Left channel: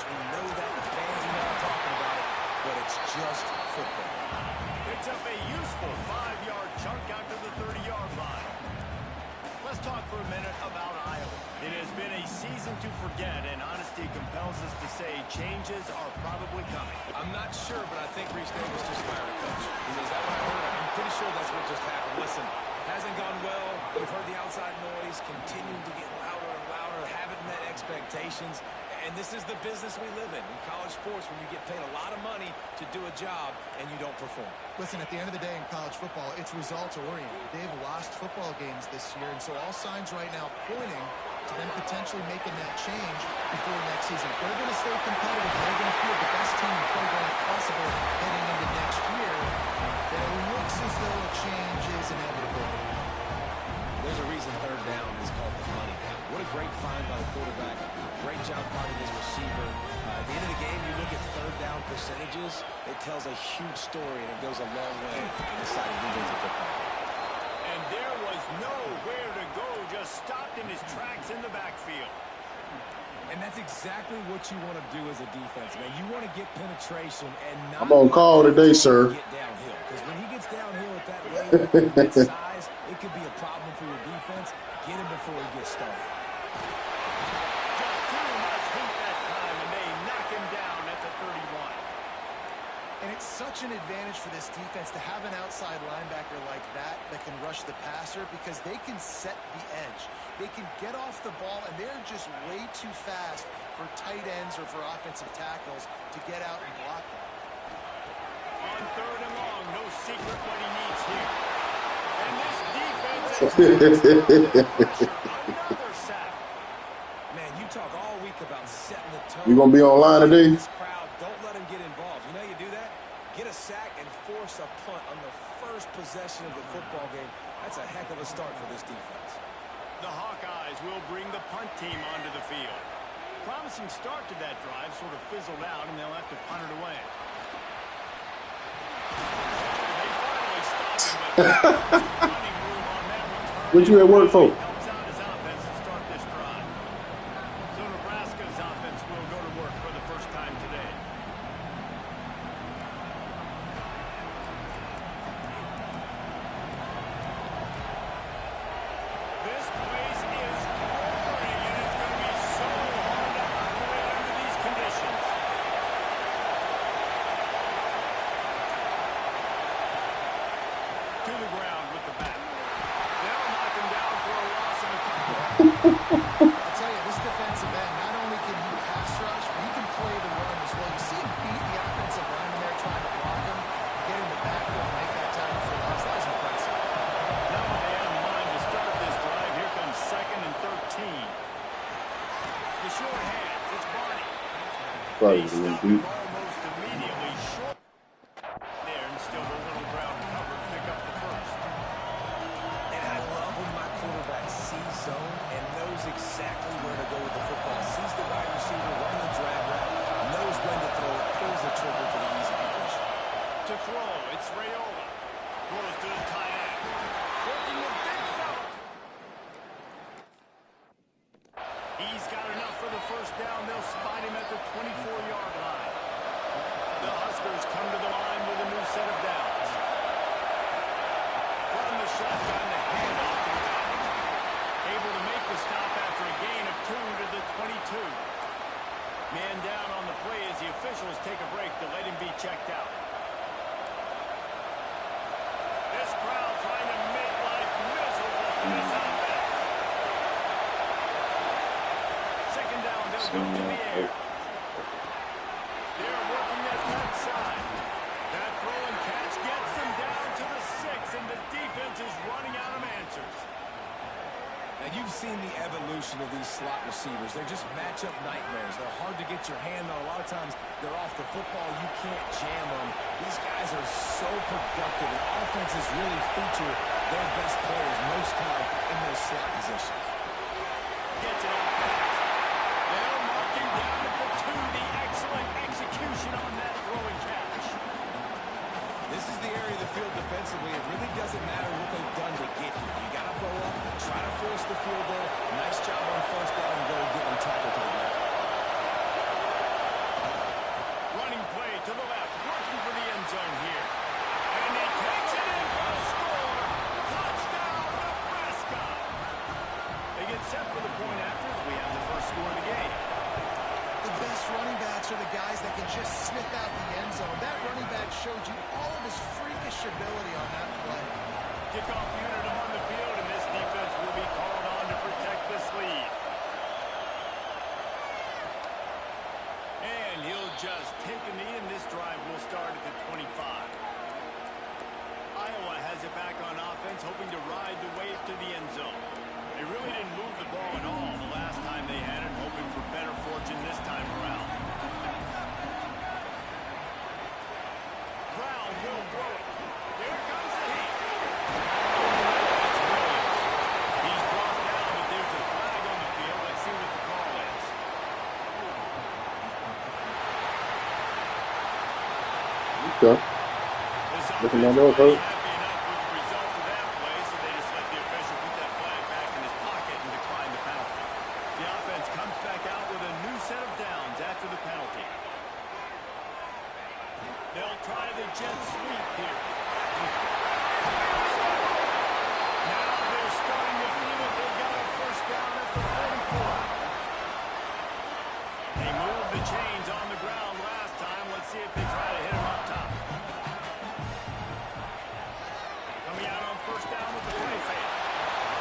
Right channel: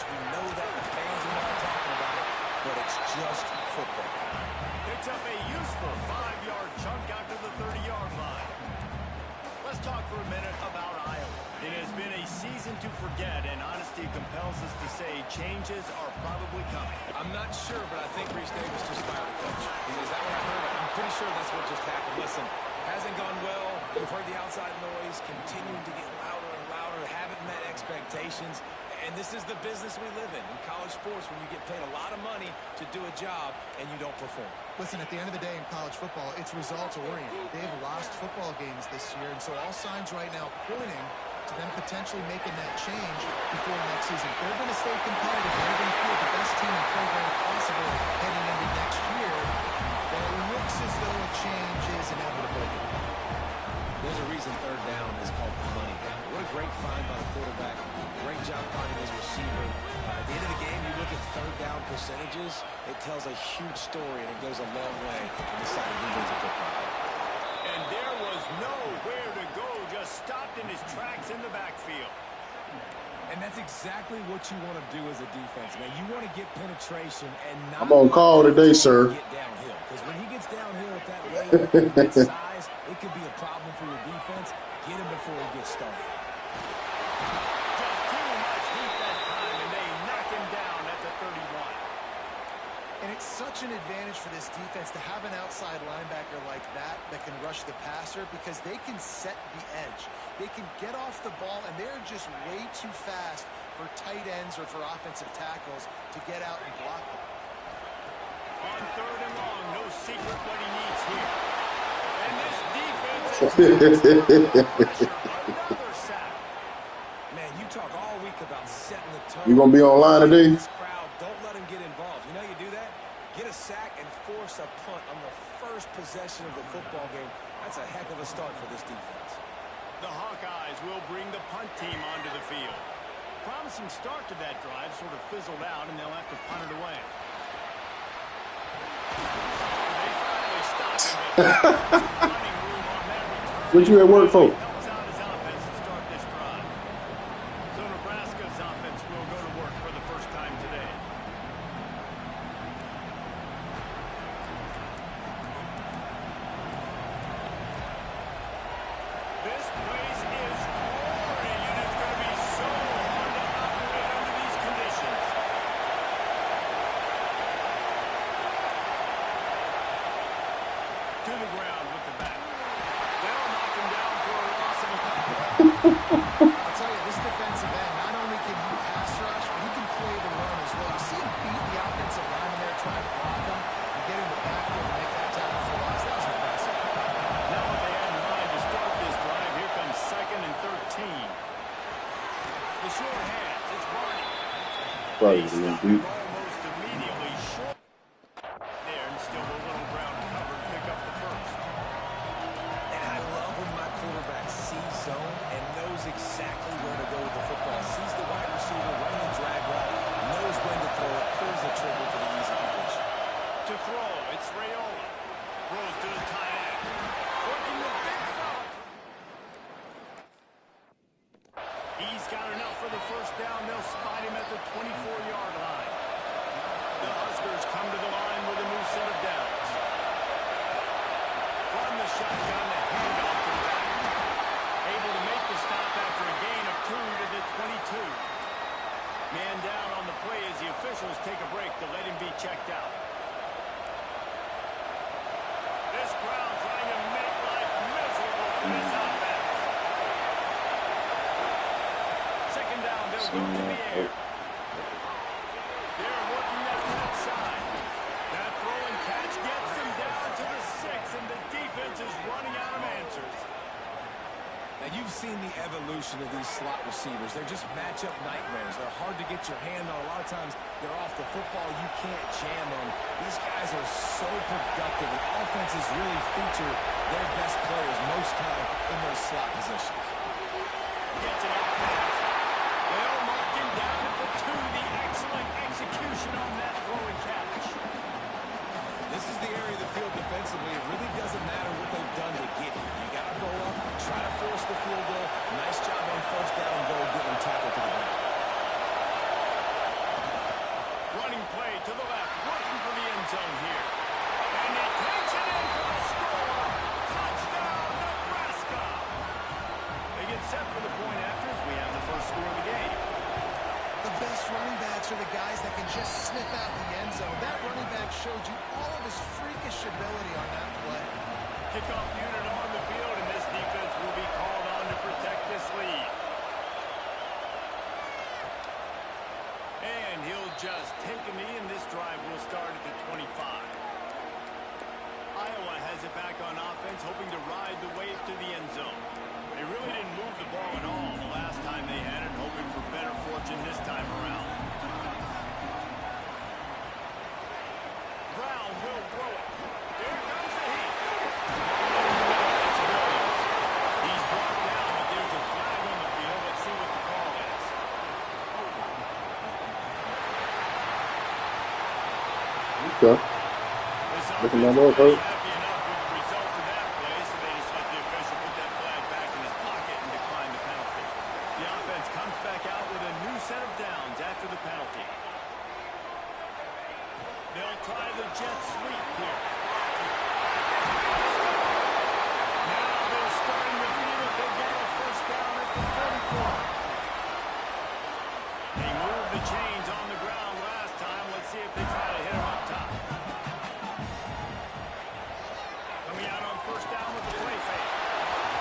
match. We know that the fans are now talking about it, but it's just football. Picks up a useful 5-yard chunk out to the 30-yard line. Let's talk for a minute about Iowa. It has been a season to forget, and honesty compels us to say changes are probably coming. I'm not sure, but I think Reese Davis just fired a coach. Is that what I heard? I'm pretty sure that's what just happened. Listen, hasn't gone well. You've heard the outside noise, continuing to get louder and louder, haven't met expectations. And this is the business we live in college sports, when you get paid a lot of money to do a job and you don't perform. Listen, at the end of the day in college football, it's results-oriented. They've lost football games this year, and so all signs right now pointing to them potentially making that change before next season. They're going to stay competitive. They're going to field the best team and program possible heading into next year. But it looks as though a change is inevitable. There's a reason third down is called the money down. What a great find by the quarterback. Great job finding his receiver. At the end of the game, you look at third down percentages, it tells a huge story, and it goes a long way in deciding who wins a football game. And there was nowhere to go, just stopped in his tracks in the backfield. And that's exactly what you want to do as a defense, man. You want to get penetration and not I'm on call today, sir. Get downhill. Because when he gets downhill at that rate, with that size, it could be a problem for your defense. Get him before he gets started. Just too much heat that time, and they knock him down at the 31. And it's such an advantage for this defense to have an outside linebacker like that can rush the passer, because they can set the edge. They can get off the ball, and they're just way too fast for tight ends or for offensive tackles to get out and block them. On third and long, no secret what he needs here. And this defense is pressure. Another sack. Man, you talk all week about setting the tone. You gonna be online today? This crowd, don't let him get involved. You know you do that? Get a sack and force a punt on the first possession of the football game. That's a heck of a start for this defense. The Hawkeyes will bring the punt team onto the field. Promising start to that drive, sort of fizzled out, and they'll have to punt it away. They finally stopped him, but running room on that return. What you at work for? Helps out his offense to start this drive. So Nebraska's offense will go to work for the first time today. This place is roaring, and it's going to be so hard to operate under these conditions. To the ground with the bat. They'll knock him down for a loss of a couple. I'll tell you, this defensive end, not only can he pass rush, but he can play the run as well. You see him beat the offensive lineman there trying to block him and get in the backfield and make that tackle for loss. That was impressive. Now what they had in mind to start this drive, here comes 2nd and 13. The short hands, it's Barney. Probably They a little stop deep. him almost immediately short there, and still a little ground to cover to pick up the first. And I love when my quarterback sees zone and knows exactly where to go with the football. Sees the wide receiver running the drag route, knows when to throw it, pulls the trigger for the easy completion. To throw, it's Raiola. Throws to the tight end. Working the big fella. He's got enough for the first down. They'll spot him at the 24-yard line. The Huskers come to the line with a new set of downs. From the shotgun, the handoff to the back. Able to make the stop after a gain of 2 to the 22. Man down on the play as the officials take a break to let him be checked out. This crowd trying to make life miserable for this offense. Second down, they'll go to the air. They're working that left side. That throw and catch gets them down to the 6, and the defense is running out of answers. Now, you've seen the evolution of these slot receivers. They're just matchup nightmares. They're hard to get your hand on. A lot of times, they're off the football. You can't jam them. These guys are so productive, and offenses really feature their best players most time in those slot positions. Gets it out fast. They'll mark him down at the 2. The excellent execution on that throw and catch. This is the area of the field defensively. It really doesn't matter what they've done to get here. You got to blow up, try to force the field goal. Nice job on first down and goal, get them tackled to the ground. for the point after as we have the first score of the game. The best running backs are the guys that can just sniff out the end zone. That running back showed you all of his freakish ability on that play. Kickoff unit on the field, and this defense will be called on to protect this lead. And he'll just take a knee, and this drive will start at the 25. Iowa has it back on offense, hoping to ride the wave to the end zone. They really didn't move the ball at all the last time they had it, hoping for better fortune this time around. Brown will throw it. Here comes the heat. It's Williams. He's brought down, but there's a flag on the field. Let's see what the call is. Okay. This Looking offense at that, already hurt. happy enough with the result of that play, so they just let the official put that flag back in his pocket and decline the penalty. The offense comes back out with a new set of downs after the penalty. They'll try the jet sweep here. Now they're starting to feel it. They've got a first down at the 44. They moved the chains on the ground last time. Let's see if they try to hit him up top. Coming out on first down with the play fake.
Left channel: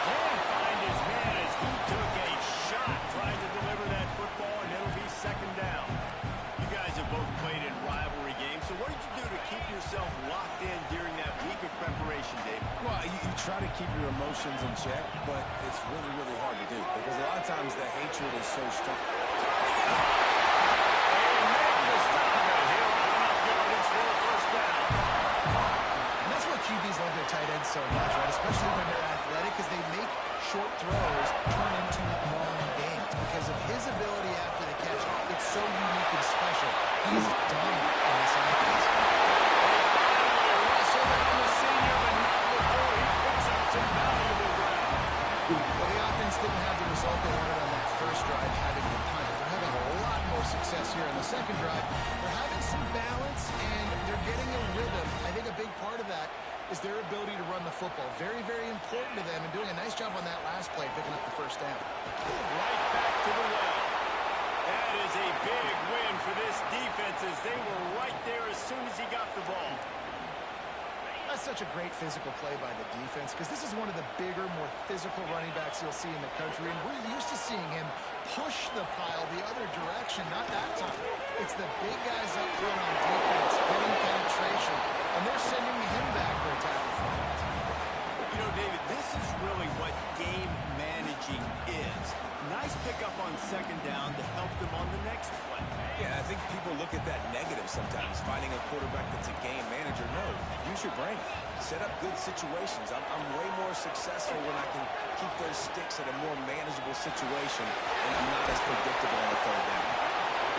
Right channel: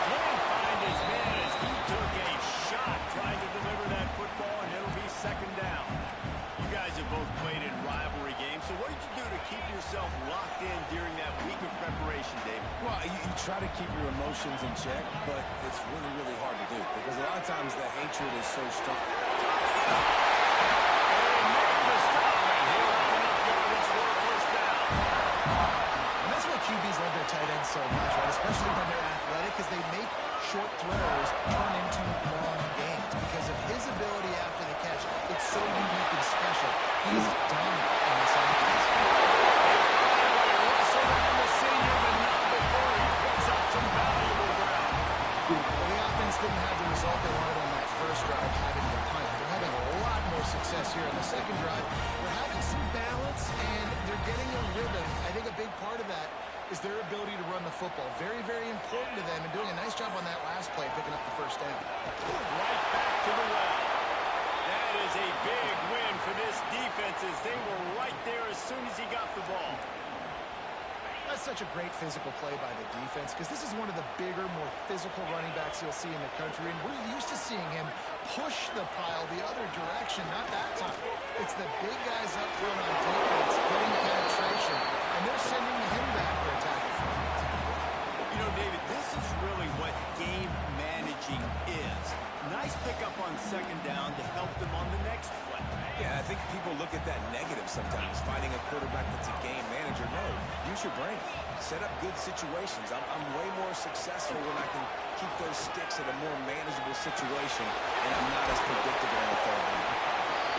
Can't find his man as he took a shot trying to deliver that football, and it'll be second down. You guys have both played in rivalry games, so what did you do to keep yourself locked in during that week of preparation, David? Well, you try to keep your emotions in check, but it's really, really hard to do because a lot of times the hatred is so strong. They make the stop, and he'll have enough yardage for a first down. And that's why QBs love their tight ends so much, right? Especially when they're athletic, because they make short throws turn into long gains. Because of his ability after the catch, it's so unique and special. He is dominant in this offense. They finally wrestle down the senior, but not before he picks up some valuable ground. Well, the offense didn't have the result they wanted on that first drive, having the punt. They're having a lot more success here on the second drive. They're having some balance, and they're getting a rhythm. I think a big part of that is their ability to run the football. Very, very important to them, and doing a nice job on that last play, picking up the first down. Right back to the well. That is a big win for this defense as they were right there as soon as he got the ball. That's such a great physical play by the defense because this is one of the bigger, more physical running backs you'll see in the country, and we're used to seeing him push the pile the other direction. Not that time. It's the big guys up front on defense getting penetration, and they're sending him back for a tackle for it. You know, David, this is really what game managing is. Nice pickup on second down to help them on the next play. Yeah, I think people look at that negative sometimes, finding a quarterback that's a game manager. No, use your brain. Set up good situations. I'm way more successful when I can keep those sticks at a more manageable situation, and I'm not as predictable on the third down.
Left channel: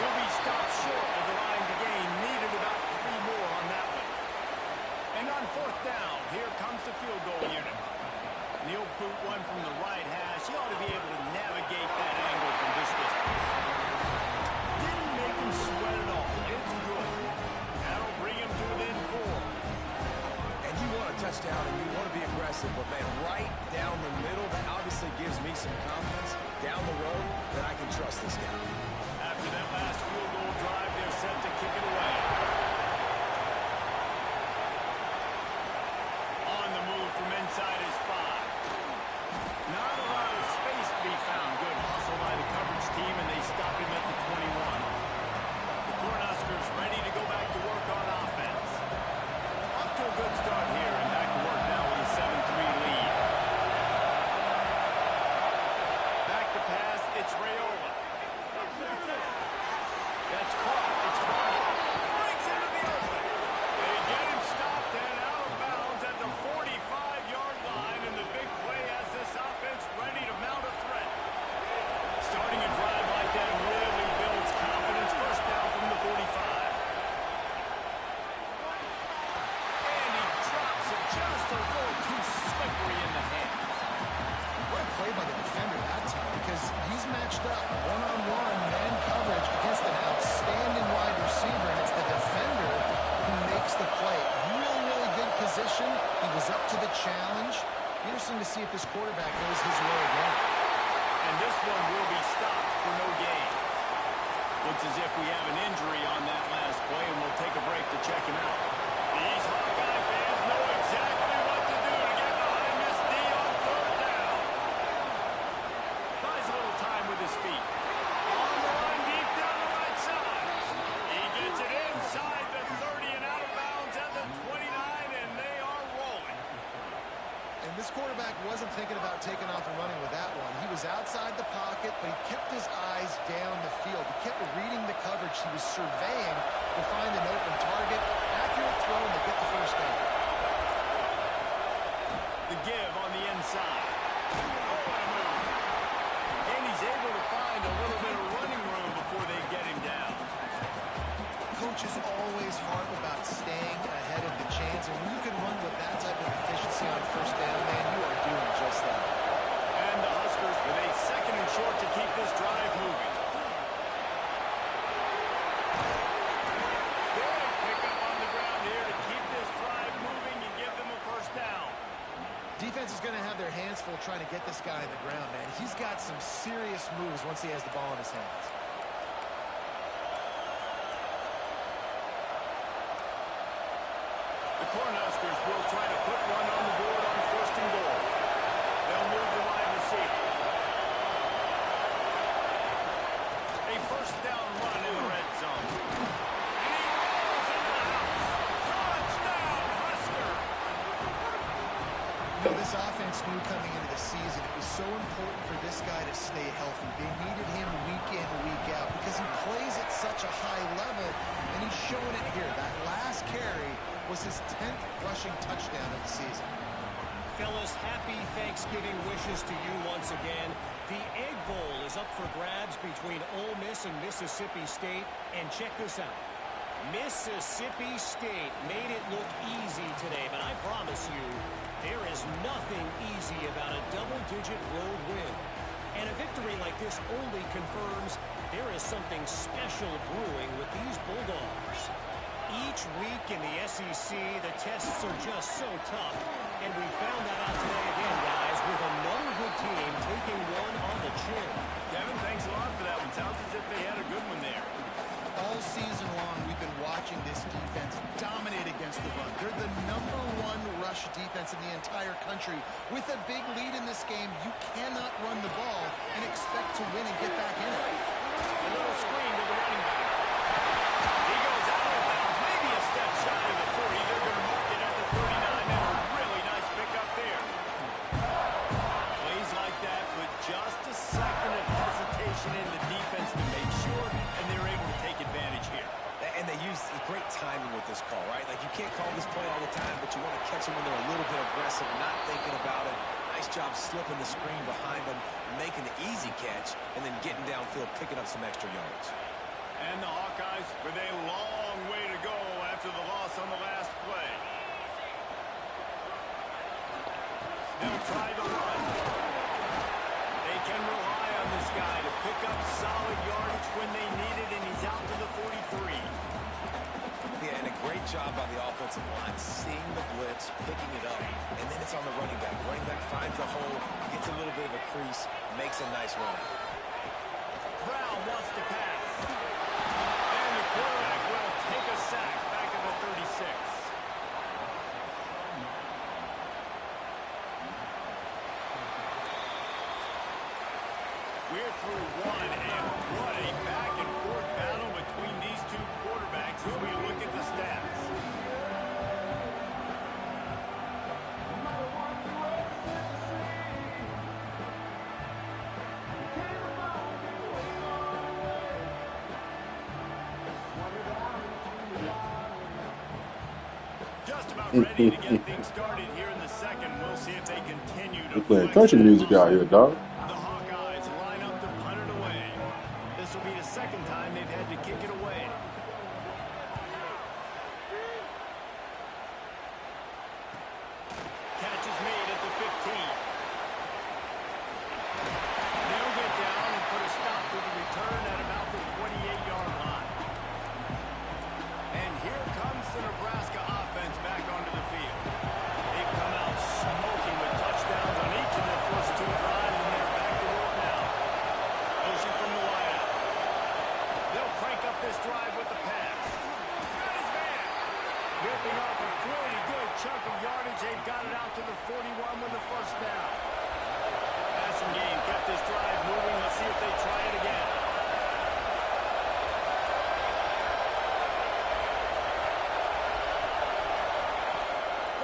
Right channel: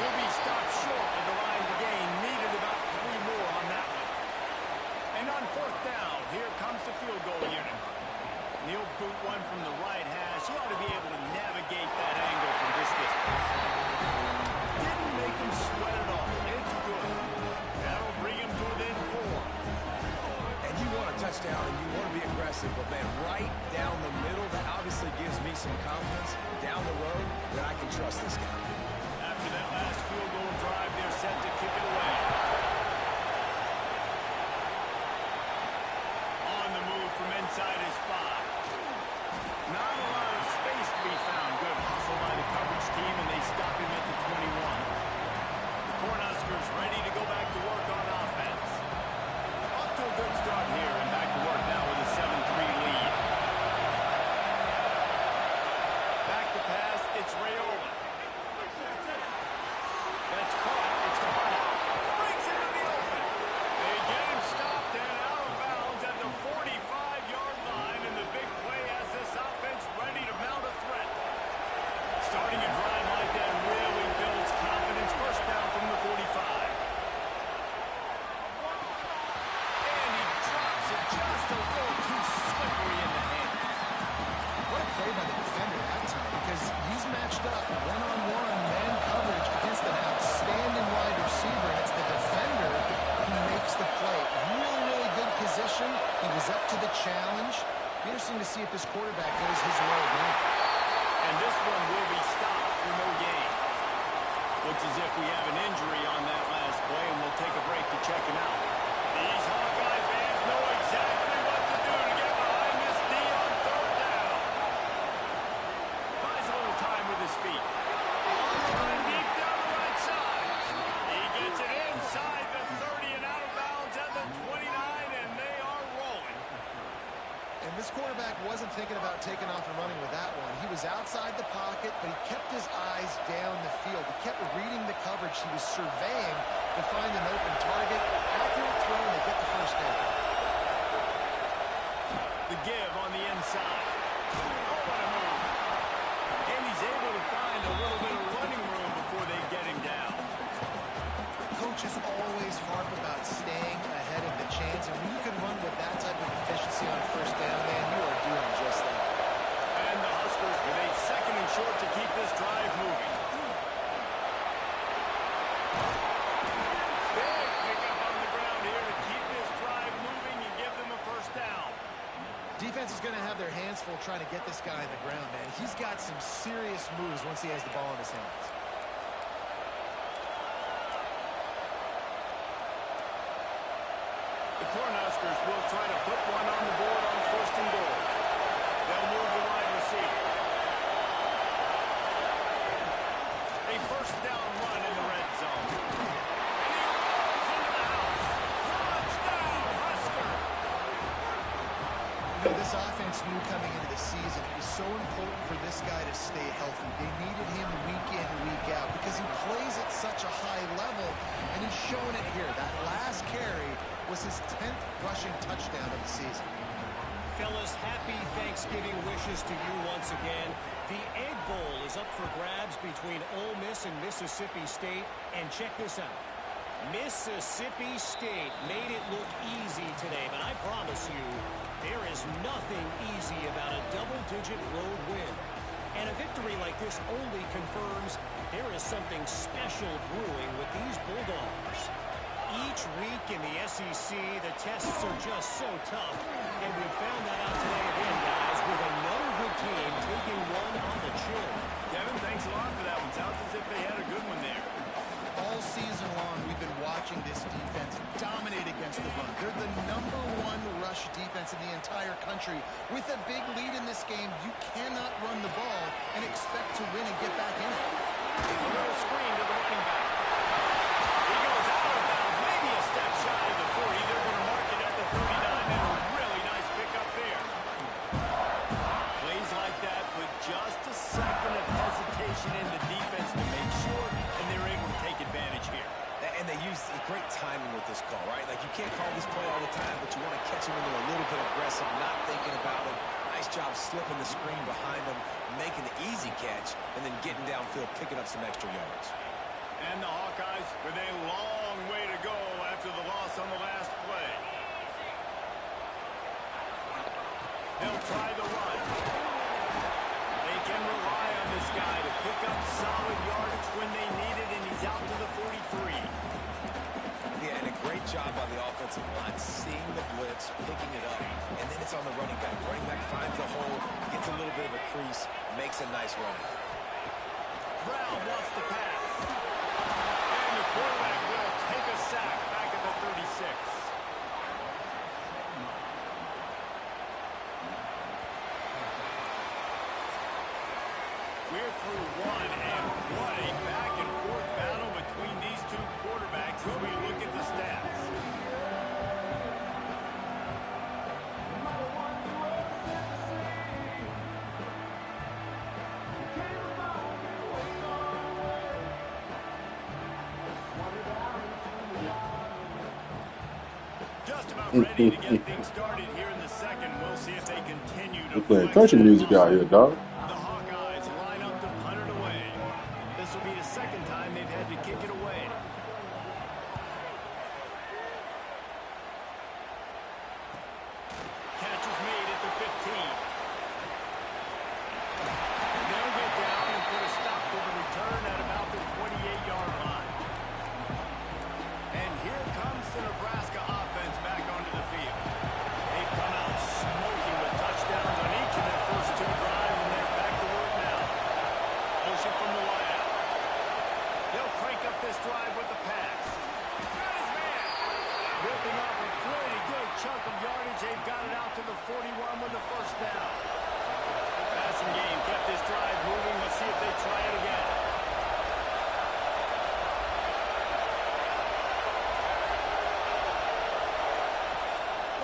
He'll be stopped short of the line to gain. Needed about 3 more on that one. And on fourth down, here comes the field goal unit. He'll boot one from the right hash. He ought to be able to navigate that angle from this distance. Didn't make him sweat at all. It's good. That'll bring him to within 4. And you want a touchdown and you want to be aggressive, but man, right down the middle, that obviously gives me some confidence down the road that I can trust this guy. After that last field goal drive, they're set to kick it away. On the move from inside his 5. Not a lot of space to be found. Good hustle by the coverage team, and they stop him at the 21. The Cornhuskers ready to go back to work on offense. Off to a good start here, and back to work now with a 7-3 lead. Back to pass, it's Raiola. That's caught. It's Hardy. Breaks into the open. They get him stopped and out of bounds at the 45-yard line, and the big play has this offense ready to mount a threat. Starting a drive like that really builds confidence. First down from the 45. And he drops it just a little too slippery in the hands. What a play by the defender that time, because he's matched up one-on-one man coverage against an outstanding wide receiver, and it's the defender who makes the play. Really, really good position. He was up to the challenge. Be interesting to see if this quarterback goes his way again. And this one will be stopped for no gain. Looks as if we have an injury on that last play, and we'll take a break to check him out. These Hawkeye fans know exactly what to do to get behind this D on third down. Buys a little time with his feet. On the line deep down the right side. He gets it inside the 30 and out of bounds at the 29, and they are rolling. And this quarterback wasn't thinking about taking off and running with that one. He was outside the pocket, but he kept his eyes down the field. He kept reading the coverage. He was surveying to find an open target. Accurate throw, and they get the first down. The give on the inside. Oh, what a move. And he's able to find a little bit of running room before they get him down. Coaches always harp about staying ahead of the chains, and when you can run with that type of efficiency on first down, man, you are doing just that. And the Huskers with a second and short to keep this drive moving. Big pickup on the ground here to keep this drive moving and give them a first down. Defense is going to have their hands full trying to get this guy in the ground, man. He's got some serious moves once he has the ball in his hands. The Cornhuskers will try to put one on the board on first and goal. They'll move the wide receiver. A first down run in the red zone. And he rolls into the house. Touchdown, Husker! You know, this offense knew coming into the season it was so important for this guy to stay healthy. They needed him week in, week out because he plays at such a high level, and he's showing it here. That last carry was his 10th rushing touchdown of the season. Fellas, happy Thanksgiving wishes to you once again. The Egg Bowl is up for grabs between Ole Miss and Mississippi State. And check this out. Mississippi State made it look easy today, but I promise you, there is nothing easy about a double-digit road win. And a victory like this only confirms there is something special brewing with these Bulldogs. Each week in the SEC, the tests are just so tough. And we found that out today again, guys, with another good team taking one on the chin. Kevin, thanks a lot for that one. Sounds as if they had a good one there. All season long, we've been watching this defense dominate against the run. They're the #1 rush defense in the entire country. With a big lead in this game, you cannot run the ball and expect to win and get back in it. A little screen to the running back. He goes out of bounds, maybe a step shy of the 40. They're going to mark it at the 39, and a really nice pickup there. Plays like that with just a second of hesitation in the defense to make sure, and they're able to take advantage here. And they use great timing with this call, right? Like, you can't call this play all the time, but you want to catch them when they're a little bit aggressive, not thinking about it. Nice job slipping the screen behind them, making the easy catch, and then getting downfield, picking up some extra yards. And the Hawkeyes with a long way to go after the loss on the last play. They'll try the run. They can rely on this guy to pick up solid yardage when they need it, and he's out to the 43. Yeah, and a great job by the offensive line, seeing the blitz, picking it up, and then it's on the running back. Running back finds the hole, gets a little bit of a crease, makes a nice run out. Brown wants to pass. And the quarterback will take a sack back at the 36. We're through one, and what a back-and-forth battle between these two quarterbacks as we look at the stats. Just about ready to get things started here in the second. We'll see if they continue to We're playing country music out here, dog. The Hawkeyes line up to punt it away. This will be the second time they've had to kick it away. Catch is made at the 15. They'll get down and put a stop to the return at about the 28-yard line. And here comes the Nebraska offense back onto the field. They've come out smoking with touchdowns on each of their first two drives, and they're back to work now. pushing from the wideout. They'll crank up this drive with the pass. Got his man. Ripping off a pretty good chunk of yardage. They've got it out to the 41 with the first down. Passing game kept this drive moving. Let's see if they try it again.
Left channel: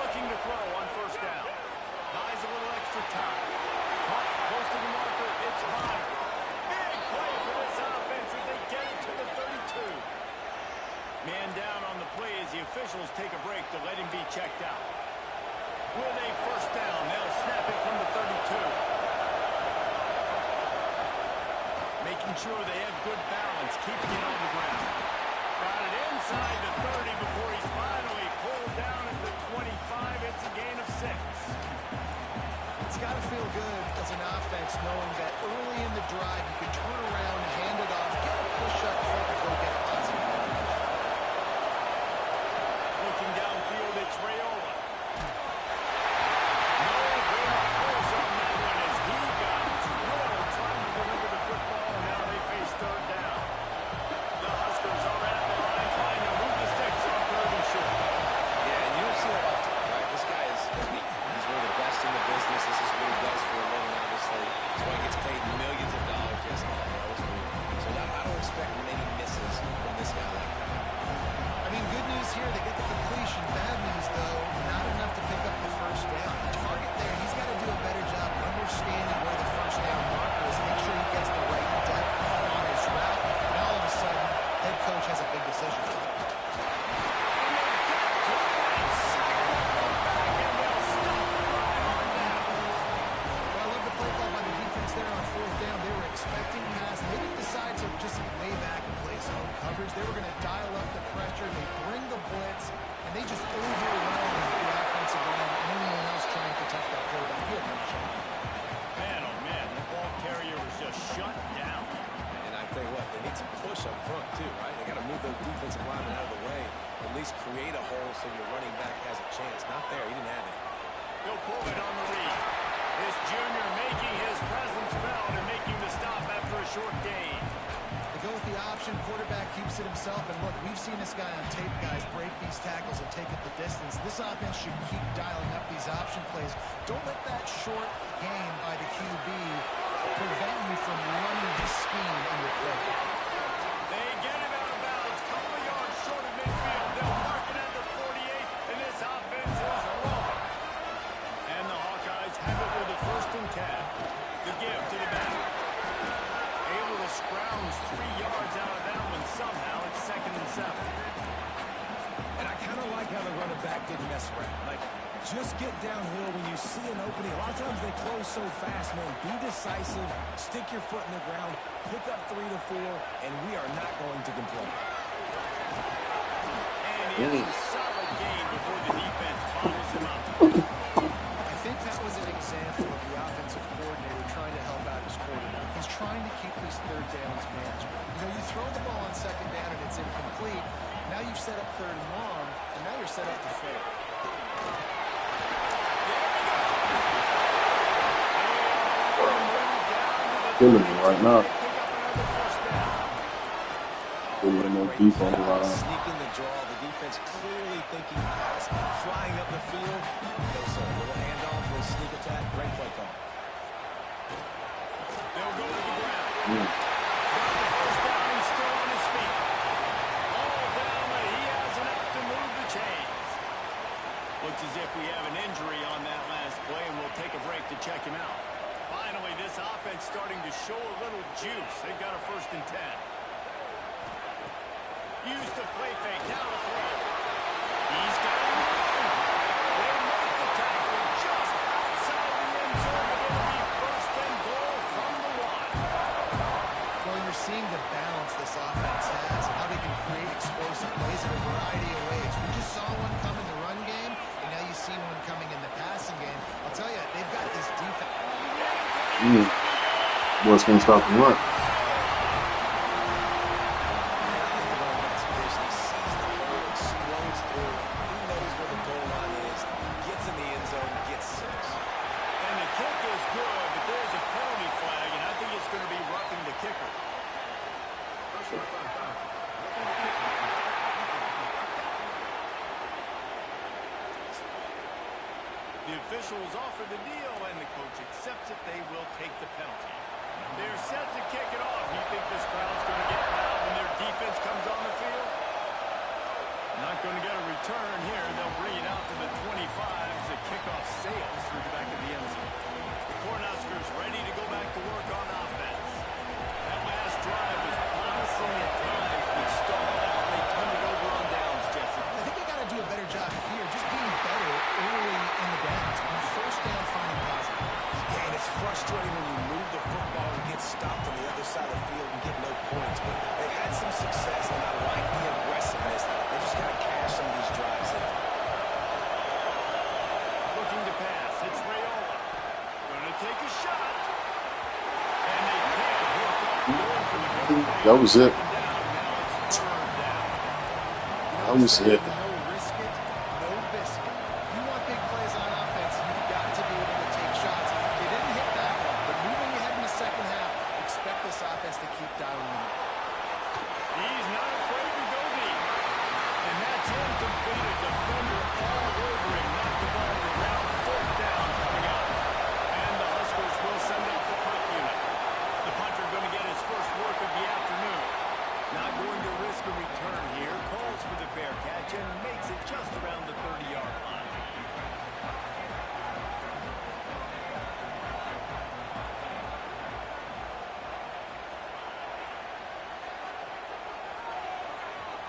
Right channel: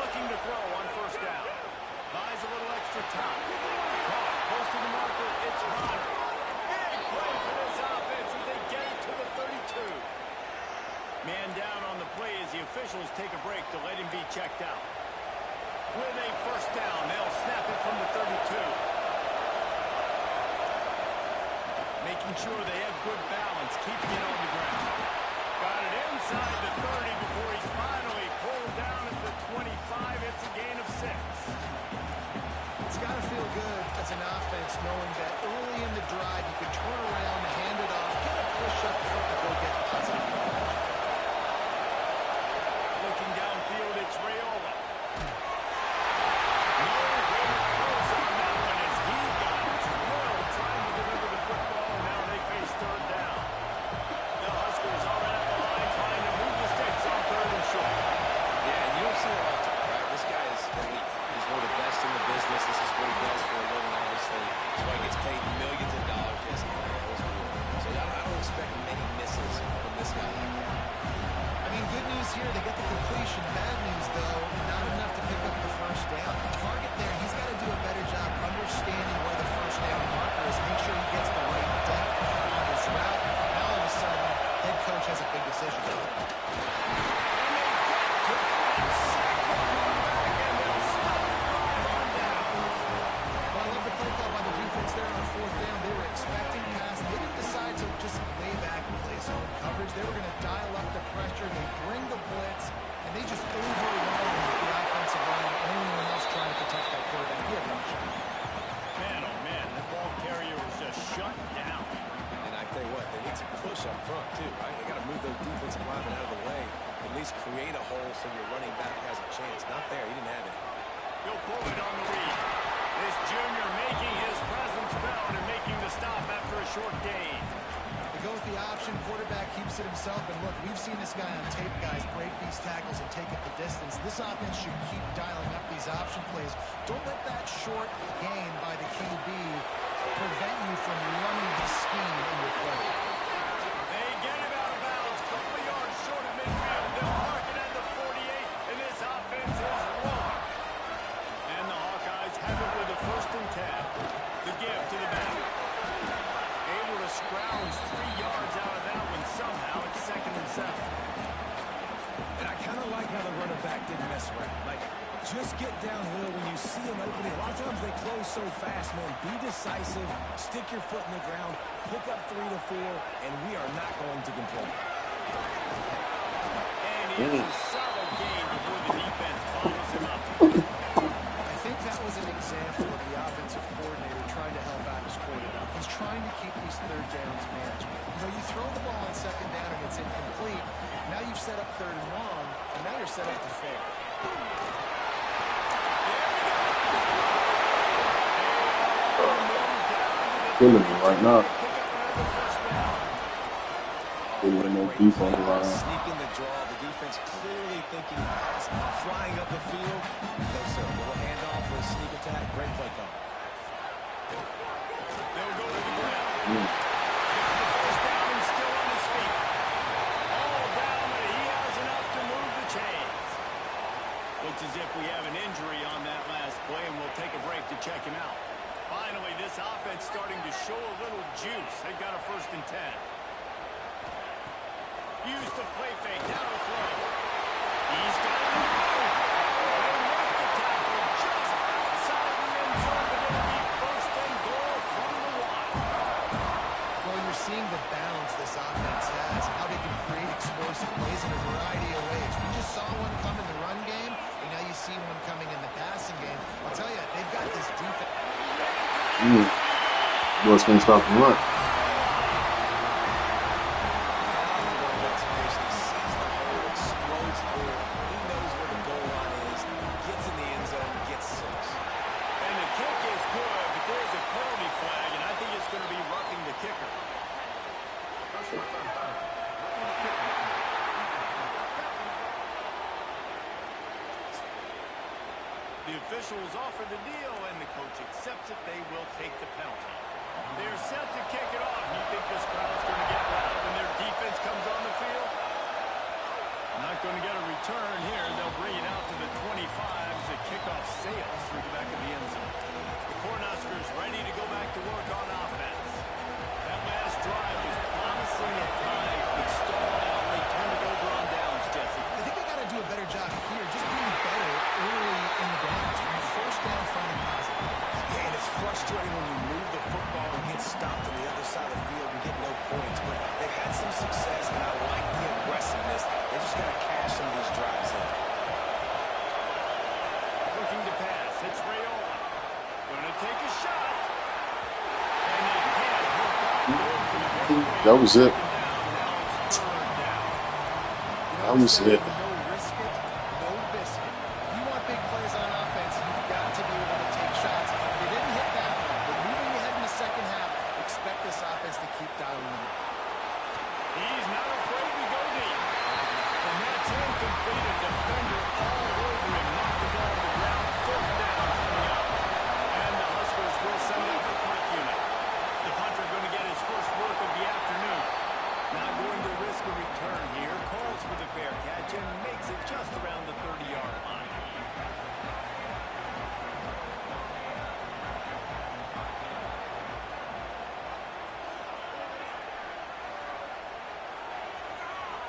Looking to throw on first down. Buys a little extra time. Caught close to the marker. It's Bonner. Big play for this offense as they get it to the 32. Man down on the play as the officials take a break to let him be checked out. With a first down, they'll snap it from the 32. Making sure they have good balance, keeping it on the ground. Got it inside the 30 before he's finally pulled down at the 25. It's a gain of 6. It's got to feel good as an offense knowing that early in the drive you can turn around, hand it off, get a push up front, and go get positive yardage. Looking downfield, it's Raiola. Nowhere close on that one as he got drilled trying to deliver the football, and now they face third down. The Huskers are at the line trying to move the sticks on third and short. Yeah, and you don't see that often, right? This guy is elite. He's one of the best in the business. This is what he does for a living, obviously. That's why he gets paid millions of dollars. Yes, NIL is real. So I don't expect many misses from this guy like that. I mean, good news here, they get the completion. Bad news, though, not enough to pick up the first down. The target there, he's got to do a better job understanding where the first down marker is, make sure he gets the right depth on his route. Now, all of a sudden, head coach has a big decision. And they get to it and sack the quarterback, and they'll stop the drive on down. Well, I love the play call by the defense there on fourth down. They were expecting pass. They didn't decide to just lay back and play zone coverage. They were going to dial up the pressure. They bring the blitz, and they just overwhelm the offensive line and anyone else trying to protect that quarterback. He had one shot. Man, oh man, that ball carrier was just shut down. And I tell you what, they need some push up front, too, right? They got to move those defensive linemen out of the way, at least create a hole so your running back has a chance. Not there. He didn't have it. He'll pull it on the read. This junior making his presence felt and making the stop after a short gain. They go with the option. Quarterback keeps it himself. And look, we've seen this guy on tape, guys, break these tackles and take it the distance. This offense should keep dialing up these option plays. Don't let that short gain by the QB prevent you from running this scheme in your play. They get him out of bounds. Couple of yards short of midfield. They'll mark it at the 48, and this offense is rolling. And the Hawkeyes have it with a 1st and 10. The give to the back. Able to scrounge 3 yards out of that one somehow. It's 2nd and 7. And I kind of like how the running back didn't mess around. Like, just get downhill when you see an opening. A lot of times they close so fast, man. Be decisive, stick your foot in the ground, pick up 3 to 4, and we are not going to complain. And he has a solid gain before the defense bobbles him up. I think that was an example of the offensive coordinator trying to help out his quarterback. He's trying to keep these third downs manageable. You know, you throw the ball on 2nd down and it's incomplete. Now you've set up 3rd and long, and now you're set up to fail. Killing me right now. Pick up another first down. Killing no deep on the line. Sneaking the draw. The defense clearly thinking pass. Flying up the field. No, sir. Little handoff, little sneak attack. Great play call. They'll go to the ground. Got the first down. He's still on his feet. All down, but he has enough to move the chains. Looks as if we have an injury on that last play, and we'll take a break to check him out. Finally, this offense starting to show a little juice. They've got a 1st and 10. Use the play fake. Now to throw. He's got it removed. They make the tackle just outside the end zone, but it'll be 1st and goal from the 1. Well, you're seeing the balance this offense has and how they can create explosive plays in a variety of ways. We just saw one come in the run game, and now you see one coming in the passing game. I'll tell you, they've got this defense. Boys can't stop the run. Kick is good, but there's a penalty flag, and I think it's going to be roughing the kicker. The officials offer the deal, and the coach accepts it. They will take the penalty. They're set to kick it off. You think this crowd's going to get loud when their defense comes on the field? Not going to get a return here. They'll bring it out to the 25 as the kickoff sails through the back of the end zone. The Cornhuskers ready to go back to work on offense. That last drive was promising at times, but stalled out, and they turned it over on downs, Jesse. I think they got to do a better job here, just being better early in the downs. On first down, finding positive. Yeah, and it's frustrating when you move the football and get stopped on the other side of the field and get no points. But they've had some success, and I like the aggressiveness. They just got to cash some of these drives in. Looking to pass. It's Raiola. Going to take a shot. And they can't hook up. Going for the big play. That was it. Now it's third down. That was it. No risk it, no biscuit. If you want big plays on offense, you've got to be able to take shots. They didn't hit that one, but moving ahead in the second half, expect this offense to keep dialing them up. He's not afraid to go deep. And that's incomplete. A defender all over him. Knocked the ball to the ground. Fourth down coming up. And the Huskers will send out the punt unit. The punter going to get his first work of the afternoon. Not going to risk a return here. Calls for the fair catch and makes it just around the 30-yard line.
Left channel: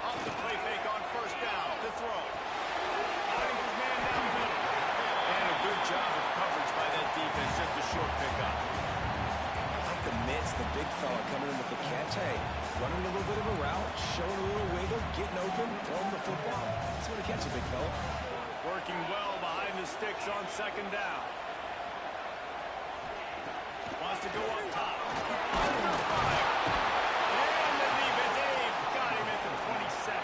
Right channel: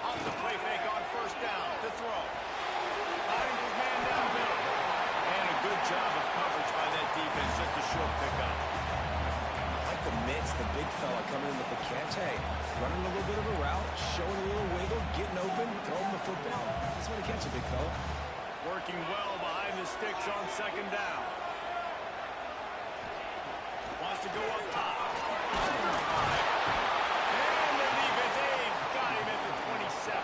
Off the play fake on first down to throw. Finding his man down middle. And a good job of coverage by that defense. Just a short pickup. I like the mitts, the big fella coming in with the catch. Hey, running a little bit of a route, showing a little wiggle, getting open, throwing the football. That's what a catch, a big fella. Working well behind the sticks on second down. Wants to go up top. Under fire. And the defense, Abe, got him at the 27.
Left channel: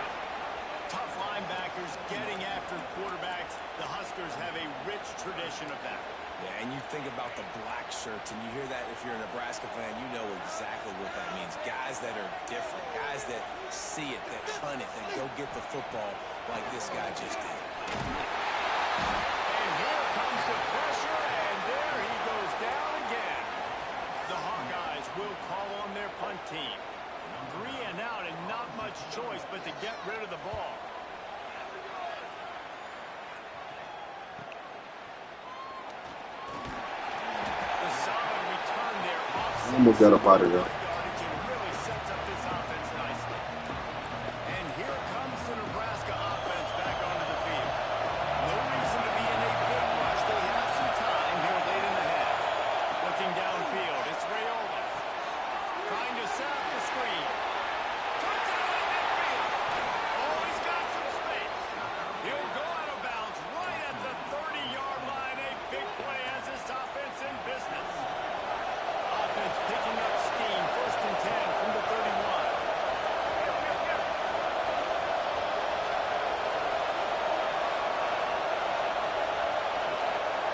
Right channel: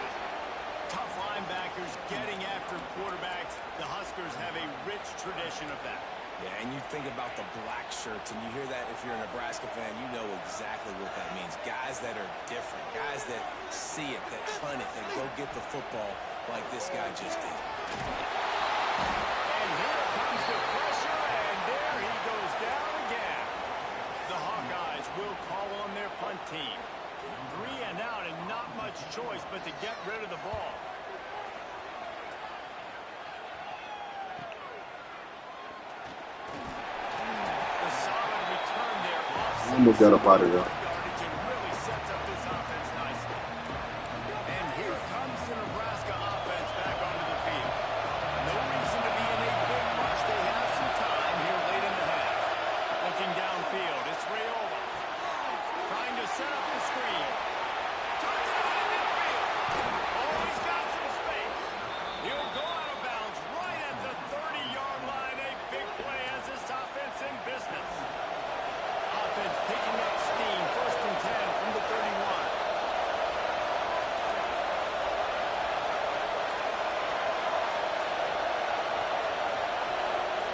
Tough linebackers getting after quarterbacks. The Huskers have a rich tradition of that. Yeah, and you think about the black shirts, and you hear that if you're a Nebraska fan, you know exactly what that means. Guys that are different, guys that see it, that hunt it, that go get the football like this guy just did. And here comes the pressure, and there he goes down again. The Hawkeyes will call on their punt team. 3 and out and not much choice but to get rid of the ball. The solid return there. Almost got up out of there. It really sets up this offense nicely. And here comes the Nebraska offense back onto the field. No reason to be in a big rush. They have some time here late in the half. Looking downfield, it's Raiola. Trying to set up the screen. Turns it on midfield. Oh, he's got some space. He'll go out of bounds right at the 30-yard line. A big play has this offense in business. Offense picking up steam. First and 10 from the 31.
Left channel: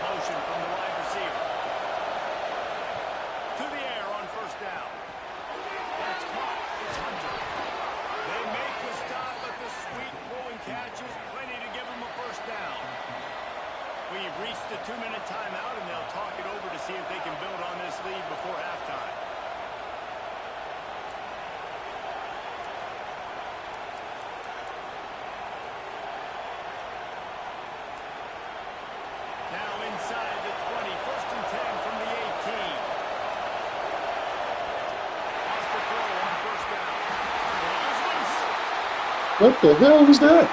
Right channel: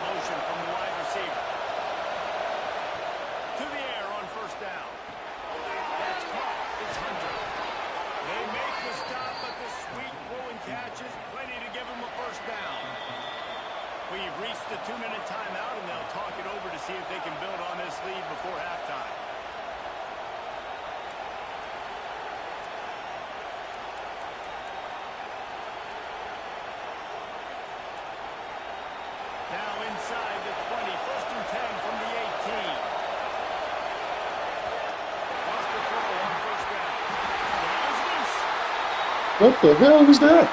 Motion from the wide receiver. To the air on first down. That's caught. It's Hunter. They make the stop, but the sweet throwing catch is plenty to give them a first down. We've reached the 2-minute timeout, and they'll talk it over to see if they can build on this lead before halftime. Now inside the 20, first and 10 from the 18. Lost the throw on first down. The ball is loose. What the hell was that?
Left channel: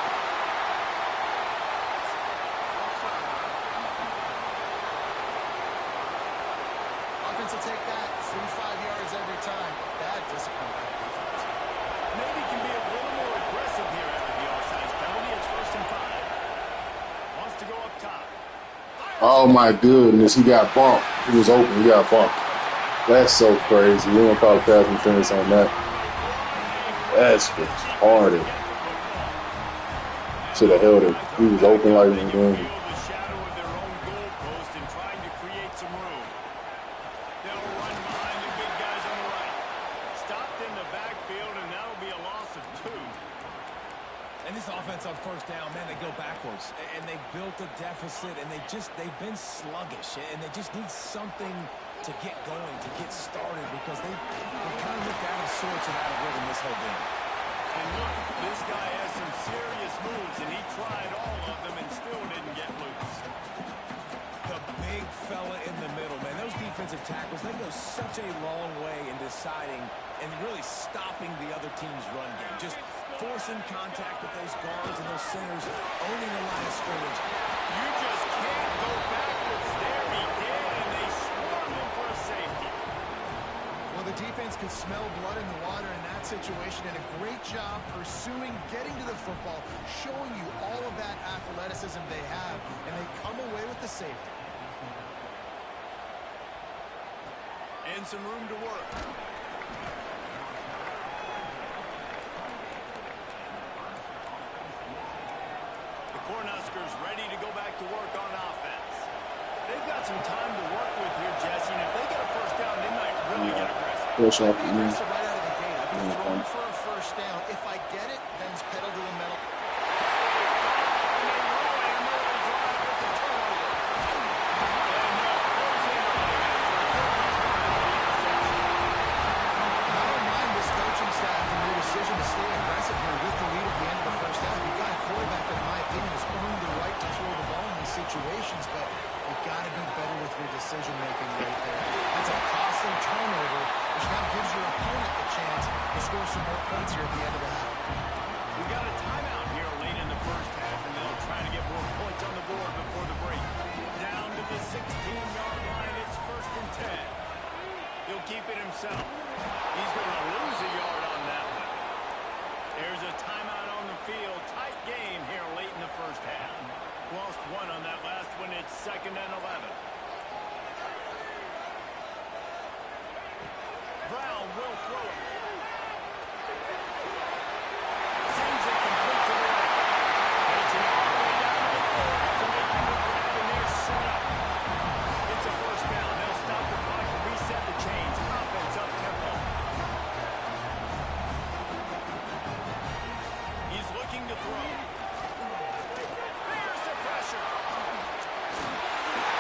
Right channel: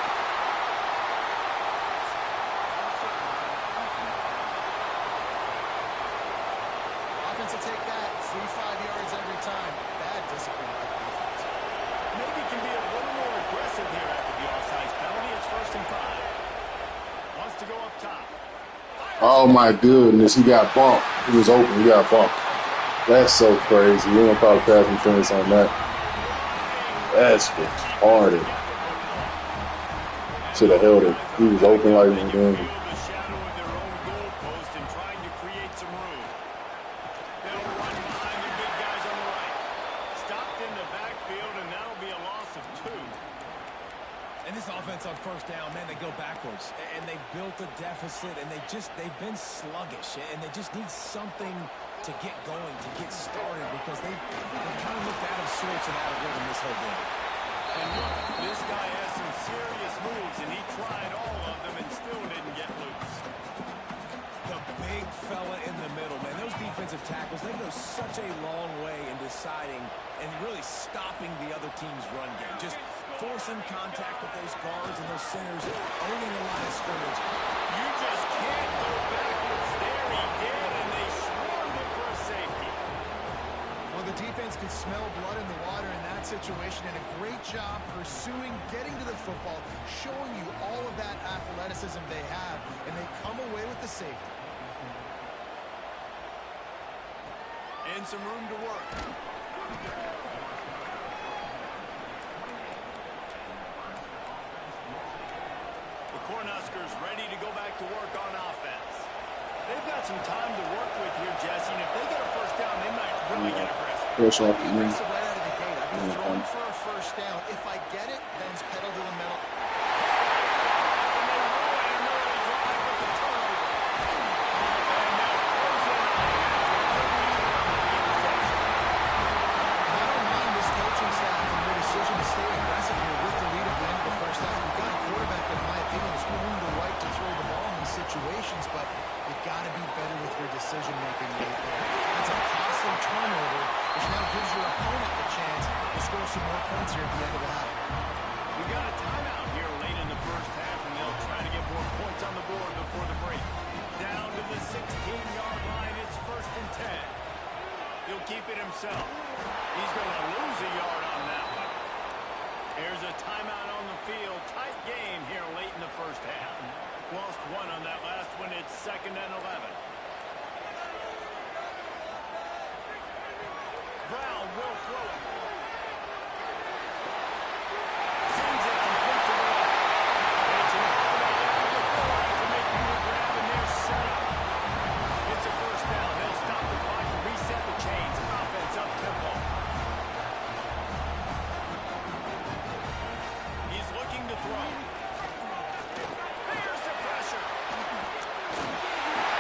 Offense will take that 3-5 yards every time. Bad discipline by the defense. Maybe can be a little more aggressive here after the offsides penalty. It's first and 5. Wants to go up top. Oh my goodness, he got bumped. He was open, he got bumped. That's so crazy. You don't call a pass interference on that. That's retarded. Should have held it. He was open like he was doing it. The shadow of their own goalpost and trying to create some room. They'll run behind the big guys on the right. Stopped in the backfield, and that'll be a loss of 2. And this offense on first down, man, they go backwards. And they've built a deficit, and they've been sluggish. And they just need something to get going, to get started, because they kind of looked out of sorts and out of rhythm this whole game. And look, this guy has some serious moves, and he tried all of them and still didn't get loose. The big fella in the middle, man. Those defensive tackles, they go such a long way in deciding and really stopping the other team's run game. Just forcing contact with those guards and those centers, owning the line of scrimmage. You just can't go backwards there. He did, and they swarmed him for a safety. Well, the defense could smell blood in the water in that situation, and a great job pursuing, getting to the football, showing you all of that athleticism they have, and they come away with the safety. And some room to work. The Cornhuskers ready to go back to work on offense. They've got some time to work with here, Jesse, and if they get a first down, they might really get aggressive. I'd be aggressive right out of the gate. I'd be throwing for a first down. If I get it, then it's pedal to the metal. And they roll an early drive with the turnover. And they'll close in on him after a good return on the interception. I don't mind this coaching staff and their decision to stay aggressive here with the lead at the end of the first half. We've got a quarterback that, in my opinion, has earned the right to throw the ball in these situations, but you've got to be better with your decision-making right there. That's a costly turnover, which now gives your opponent the chance to score some more points here at the end of the half. We've got a timeout here late in the first half, and they'll try to get more points on the board before the break. Down to the 16-yard line, it's 1st and 10. He'll keep it himself. He's going to lose a yard on that one. There's a timeout on the field. Tight game here late in the first half. Lost one on that last one. It's 2nd and 11. Brown will throw it. Sends it complete to the left. Takes it all the way down to the 4 after making the grab, and they're set up. It's a first down. They'll stop the clock to reset the chains. Offense up tempo. He's looking to throw. There's the pressure.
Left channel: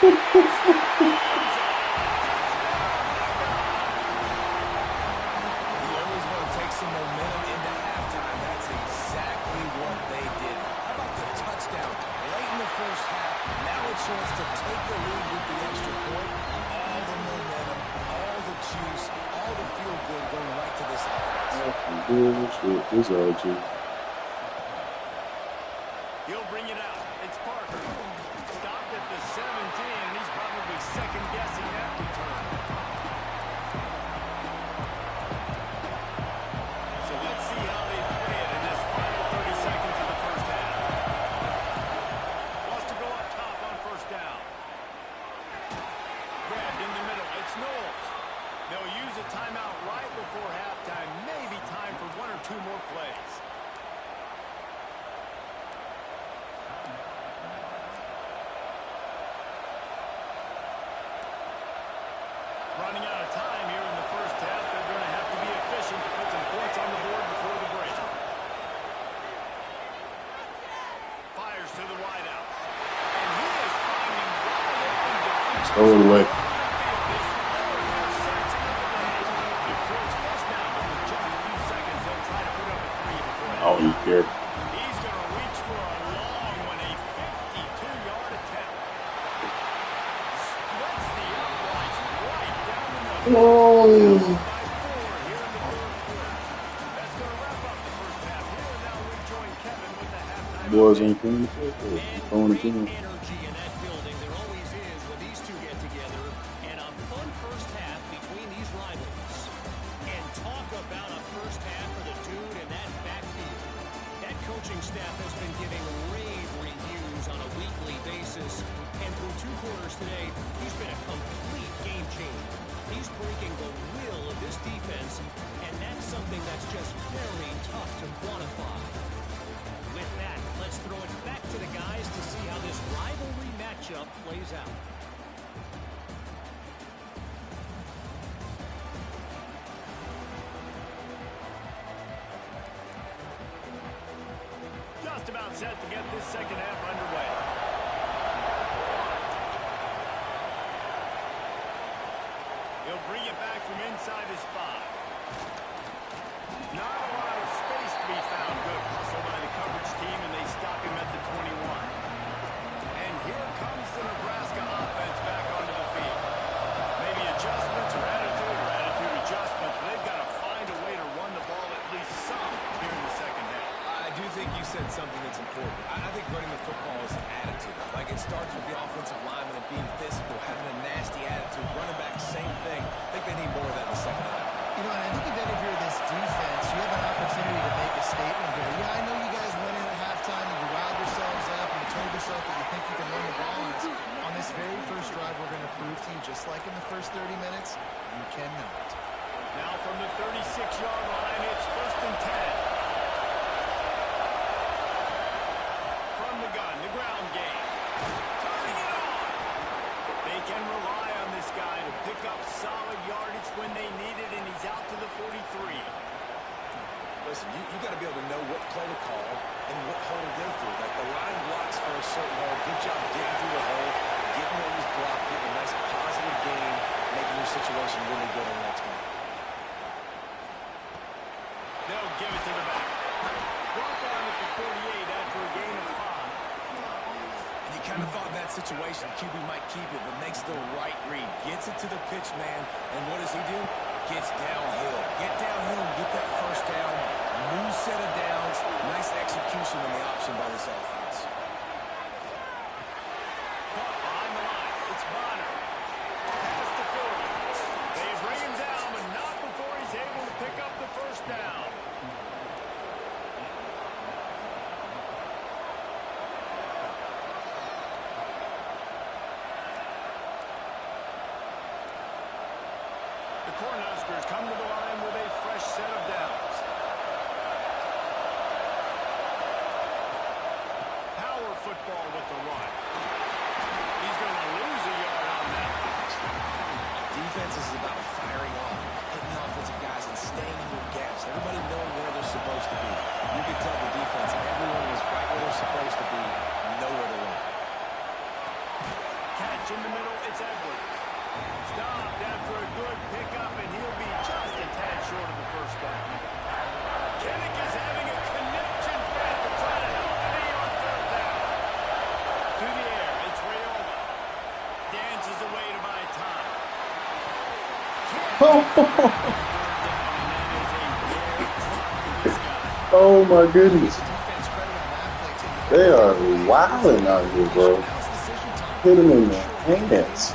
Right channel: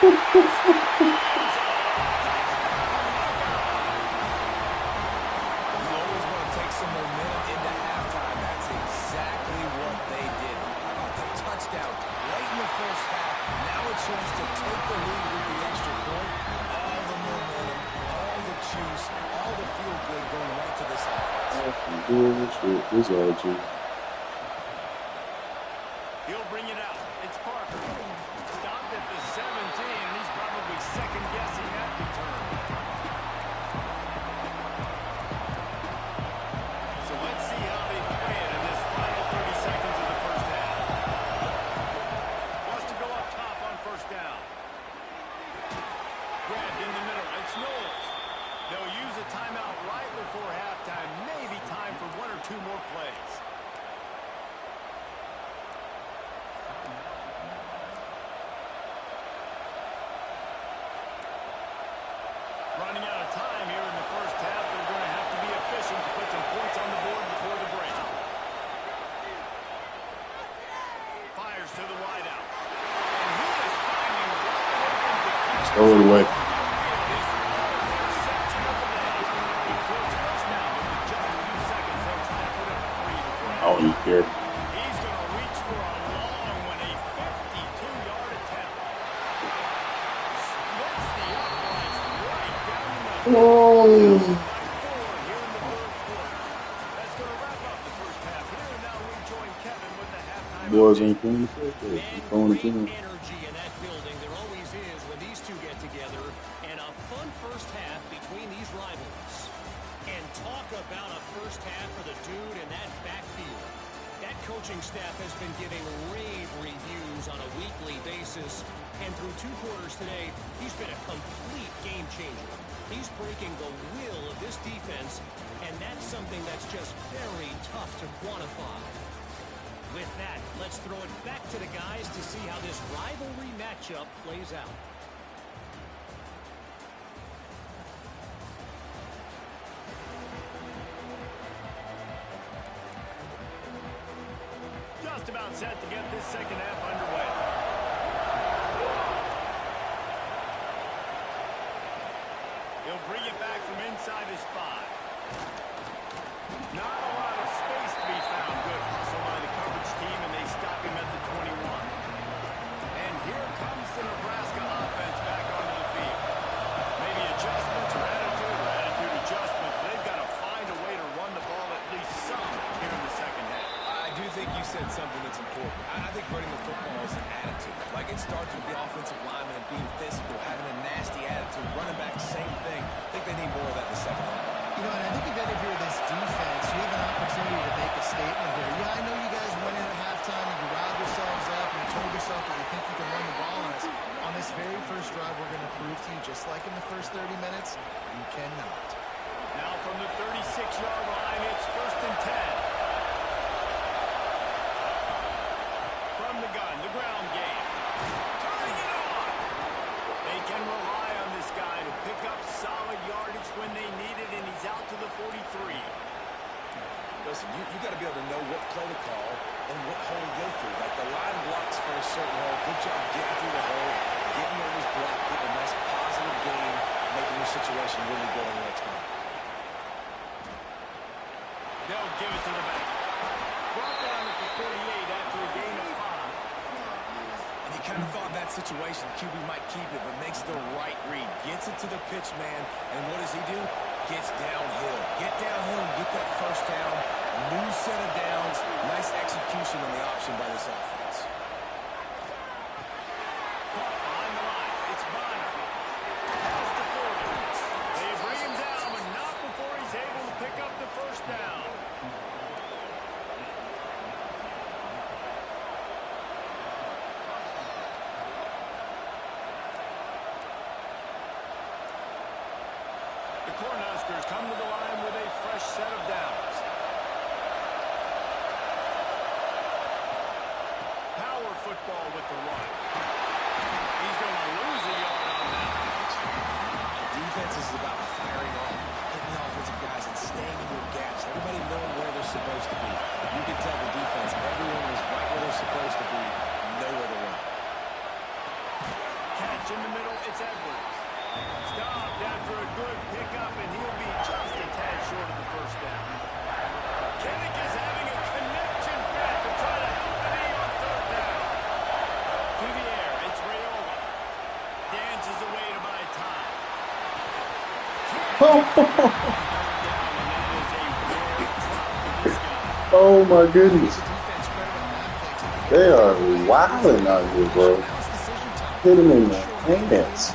You always want to take some momentum into halftime. That's exactly what they did. How about the touchdown late in the first half? Now a chance to take the lead with the extra point. All the momentum, all the juice, all the feel-good going right to this offense. He'll bring it out. It's Parker. Stopped at the 17, and he's probably second-guessing that return. So let's see how they play it in this final 30 seconds of the first half. Wants to go up top on first down. Grabbed in the middle. It's Knowles. They'll use a timeout right before halftime. Maybe time for 1 or 2 more plays. Running out of time here in the first half. They're going to have to be efficient to put some points on the board before the break. Fires to the wideout. And he is finding wide open defenders. Throw it away. His third interception of the day. So it's first down, but with just a few seconds, they'll try to put up a 3 before half. Oh, he's scared. He's going to reach for a long one, a 52-yard attempt. Splits the uprights right down the middle. Oh. By 4 here in the third quarter. That's going to wrap up the first half here, and now we join Kevin with the halftime Boys update. ain't playing. And great energy in that building. There always is when these two get together. And a fun first half between these rivals. And talk about a first half for the dude in that backfield. That coaching staff has been giving rave reviews on a weekly basis. And through 2 quarters today, he's been a complete game changer. He's breaking the will of this defense, and that's something that's just very tough to quantify. With that, let's throw it back to the guys to see how this rivalry matchup plays out. just about set to get this second half underway. He'll bring it back from inside his 5. Not a lot of space to be found. Good hustle by the coverage team, and they stop him at the 21. And here comes the Nebraska offense back onto the field. Maybe adjustments or attitude adjustments, but they've got to find a way to run the ball at least some here in the second half. I do think you said something that's important. I think running the football is an attitude. Like, it starts with the offensive lineman and being physical, having a nasty attitude. Running back, same thing. I think they need more of that in the second half. You know, and I think even if you're this defense, you have an opportunity to make a statement here. Yeah, I know you guys went in at halftime and you riled yourselves up and you told yourself that you think you can run the ball on us. On this very first drive, we're going to prove to you, just like in the first 30 minutes, you cannot. Now from the 36-yard line, it's 1st and 10. From the gun, the ground game. Turning it on. They can rely on this guy to pick up solid yardage when they need it, and he's out to the 43. Listen, you got to be able to know what play to call and what hole to go through. Like, the line blocks for a certain hole. Good job getting through the hole, getting what was blocked, getting a nice positive gain, making your situation really good on the next one. They'll give it to the back. Brought down at the 48 after a gain of 5. And you kind of thought that situation, QB might keep it, but makes the right read. Gets it to the pitch man, and what does he do? Gets downhill. Get downhill and get that first down. New set of downs. Nice execution on the option by this offense. Caught behind the line. It's Bonner. Past the 40. They bring him down, but not before he's able to pick up the first down. The Cornhuskers come to the line with a fresh set of downs. Power football with the run. He's going to lose a yard on that. Defense is about firing off, hitting the offensive guys, and staying in your gaps. Everybody knowing where they're supposed to be. You can tell the defense, everyone was right where they're supposed to be, nowhere to run. Catch in the middle, it's Edwards. Stopped after a good pickup, and he'll be just a tad short of the first down. Kinnick is having a connection fit to try to help the knee on 3rd down. To the air, it's Raiola. Dances away to buy time. Oh my goodness. They are wilding out here, bro. Hit him in the hands.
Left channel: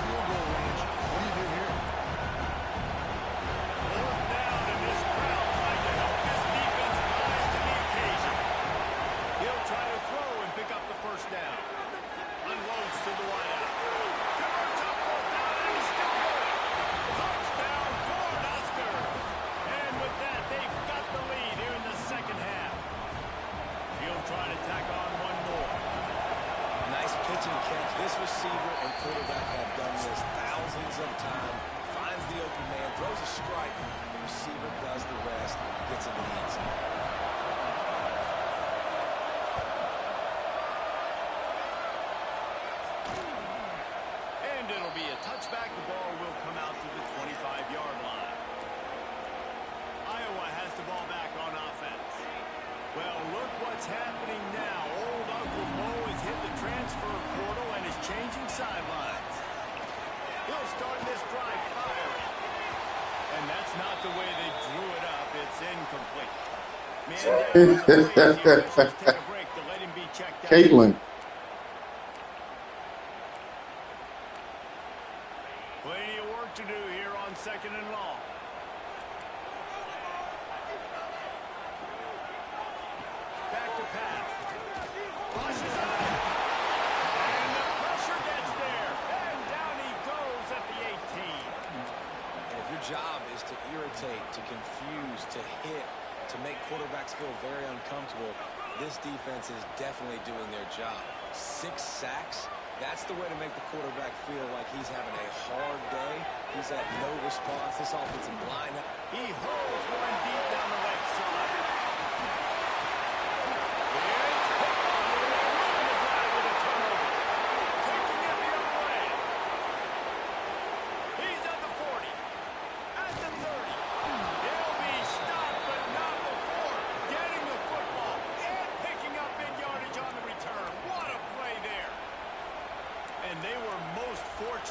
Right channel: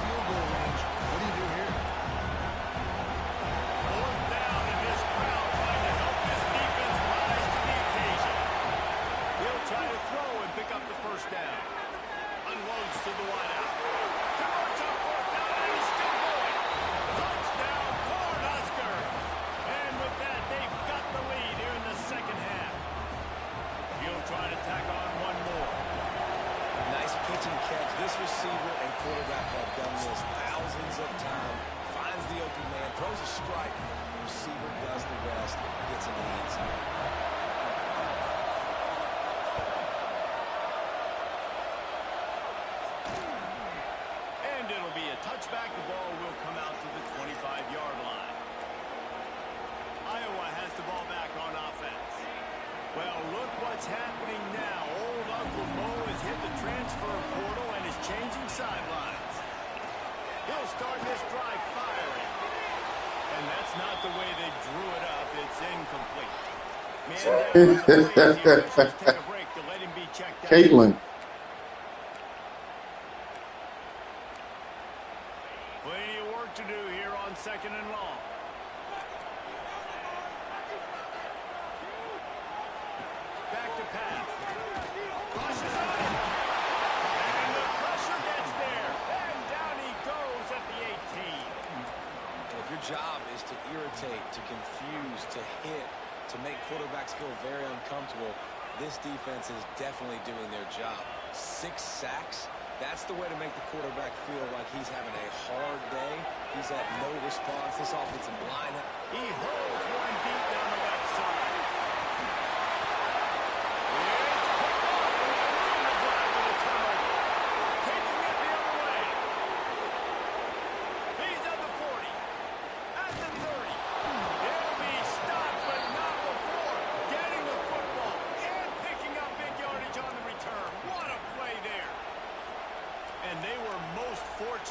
Trying to tack on one more. Nice pitch and catch. This receiver and quarterback have done this thousands of times. Finds the open man, throws a strike. The receiver does the rest, gets into the end zone. And it'll be a touchback. The ball will come out to the 25-yard line. Iowa has the ball back on offense. Well, look what's happening now. Old Uncle Mo has hit the transfer portal and is changing sidelines. He'll start this drive firing. And that's not the way they drew it up. It's incomplete. Man down on the plays. The officials take a break to let him be checked out. Caitlin. Plenty of work to do here on 2nd and long. Back to pass. Rushes on it. And the pressure gets there. And down he goes at the 18. And if your job is to irritate, to confuse, to hit, to make quarterbacks feel very uncomfortable, this defense is definitely doing their job. 6 sacks. That's the way to make the quarterback feel like he's having a hard day. He's at no response. This offensive line. He holds one deep down the left side. It's picked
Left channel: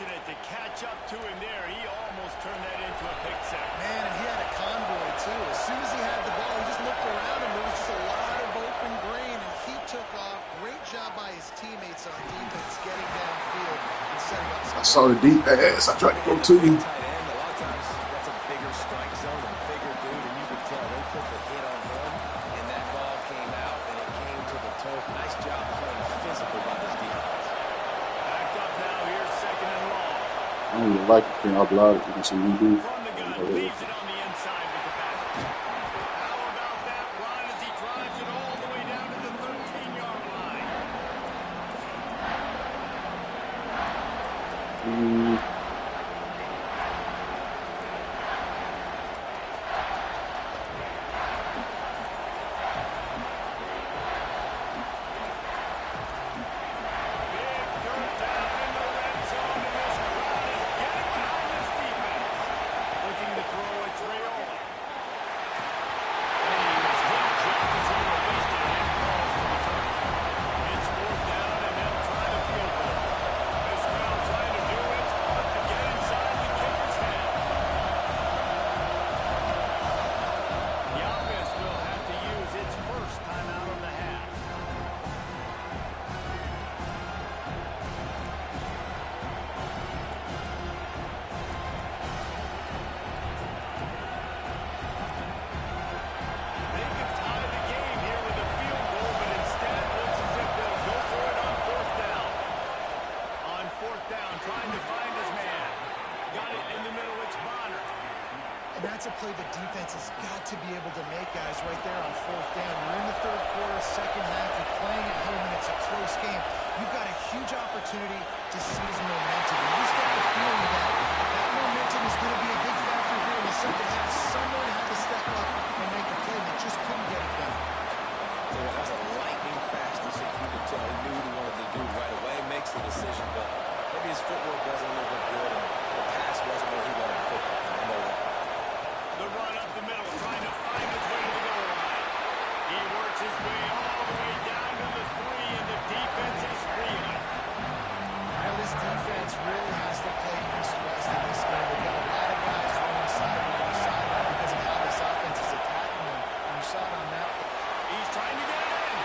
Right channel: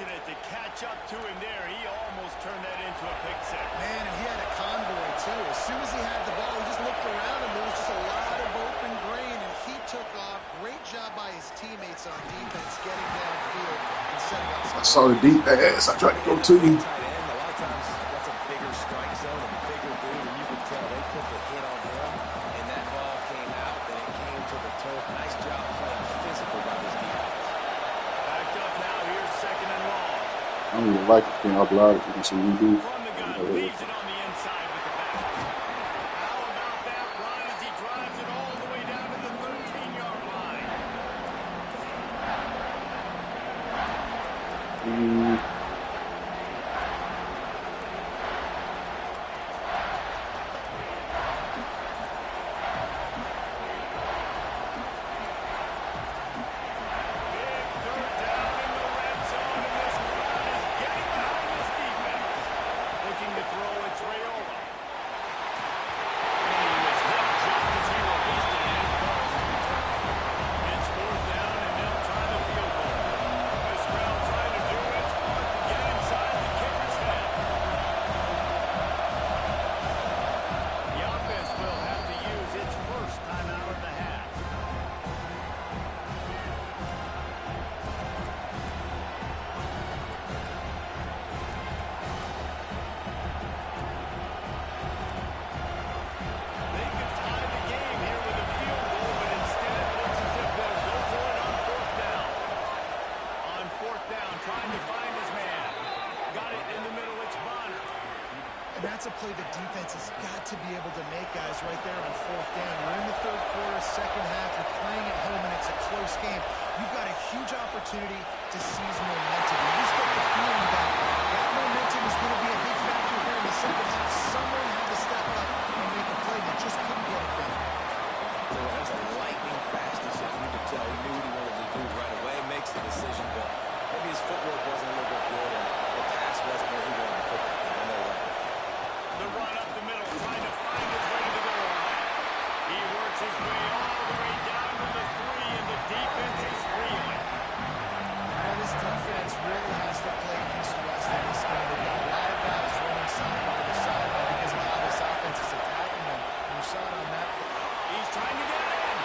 fortunate to catch up to him there. He almost turned that into a pick six. Man, and he had a convoy, too. As soon as he had the ball, he just looked around him. There was just a lot of open green, and he took off. Great job by his teammates on defense, getting downfield and setting up. I saw the deep pass. I tried to go to you. Tight end, a lot of times that's a bigger strike zone, a bigger dude, and you could tell they put the hit on him, and that ball came out, and it came to the turf. Nice job playing physical by this defense. Backed up now. Here's second and long. I don't even like it. Can I block it? You can see me do. From the gun, leaves it on the inside with the back. How about that run as he drives it all the way down to the 13-yard line? Big dirt down in the red zone, and this crowd is getting behind this defense. Looking to throw, it's Raiola. And he was hit just as he released it, and it falls to the turf. It's fourth down, and they'll try the field goal. This crowd trying to do its part to get inside the kicker's head. The offense will have to use its first timeout of the half. They could tie the game here with a field goal, but instead it looks as if they'll go for it on fourth down. On fourth down, trying to find his man. Got it in the middle, it's Bonner. And that's a play the defense has got to be able to make, guys, right there on fourth down. You're in the third quarter, second half. You're playing at home, and it's a close game. You've got a huge opportunity to seize momentum. You just get the feeling that that momentum is going to be a big factor here in the second half. Someone had to step up and make a play. They just couldn't get it done. So that was a lightning-fast decision. You could tell he knew what he wanted to do right away. Makes the decision, but maybe his footwork wasn't a little bit good, and the pass wasn't where he wanted to put that thing. I know that. The run up the middle, trying to find his way to the goal line. He works his way all the way down to the 3, and the defense is reeling. Now, this defense really has to play east-west in this game. They've got a lot of guys running sideline to sideline because of how this offense is attacking them. And you saw it on that. He's trying to get it in,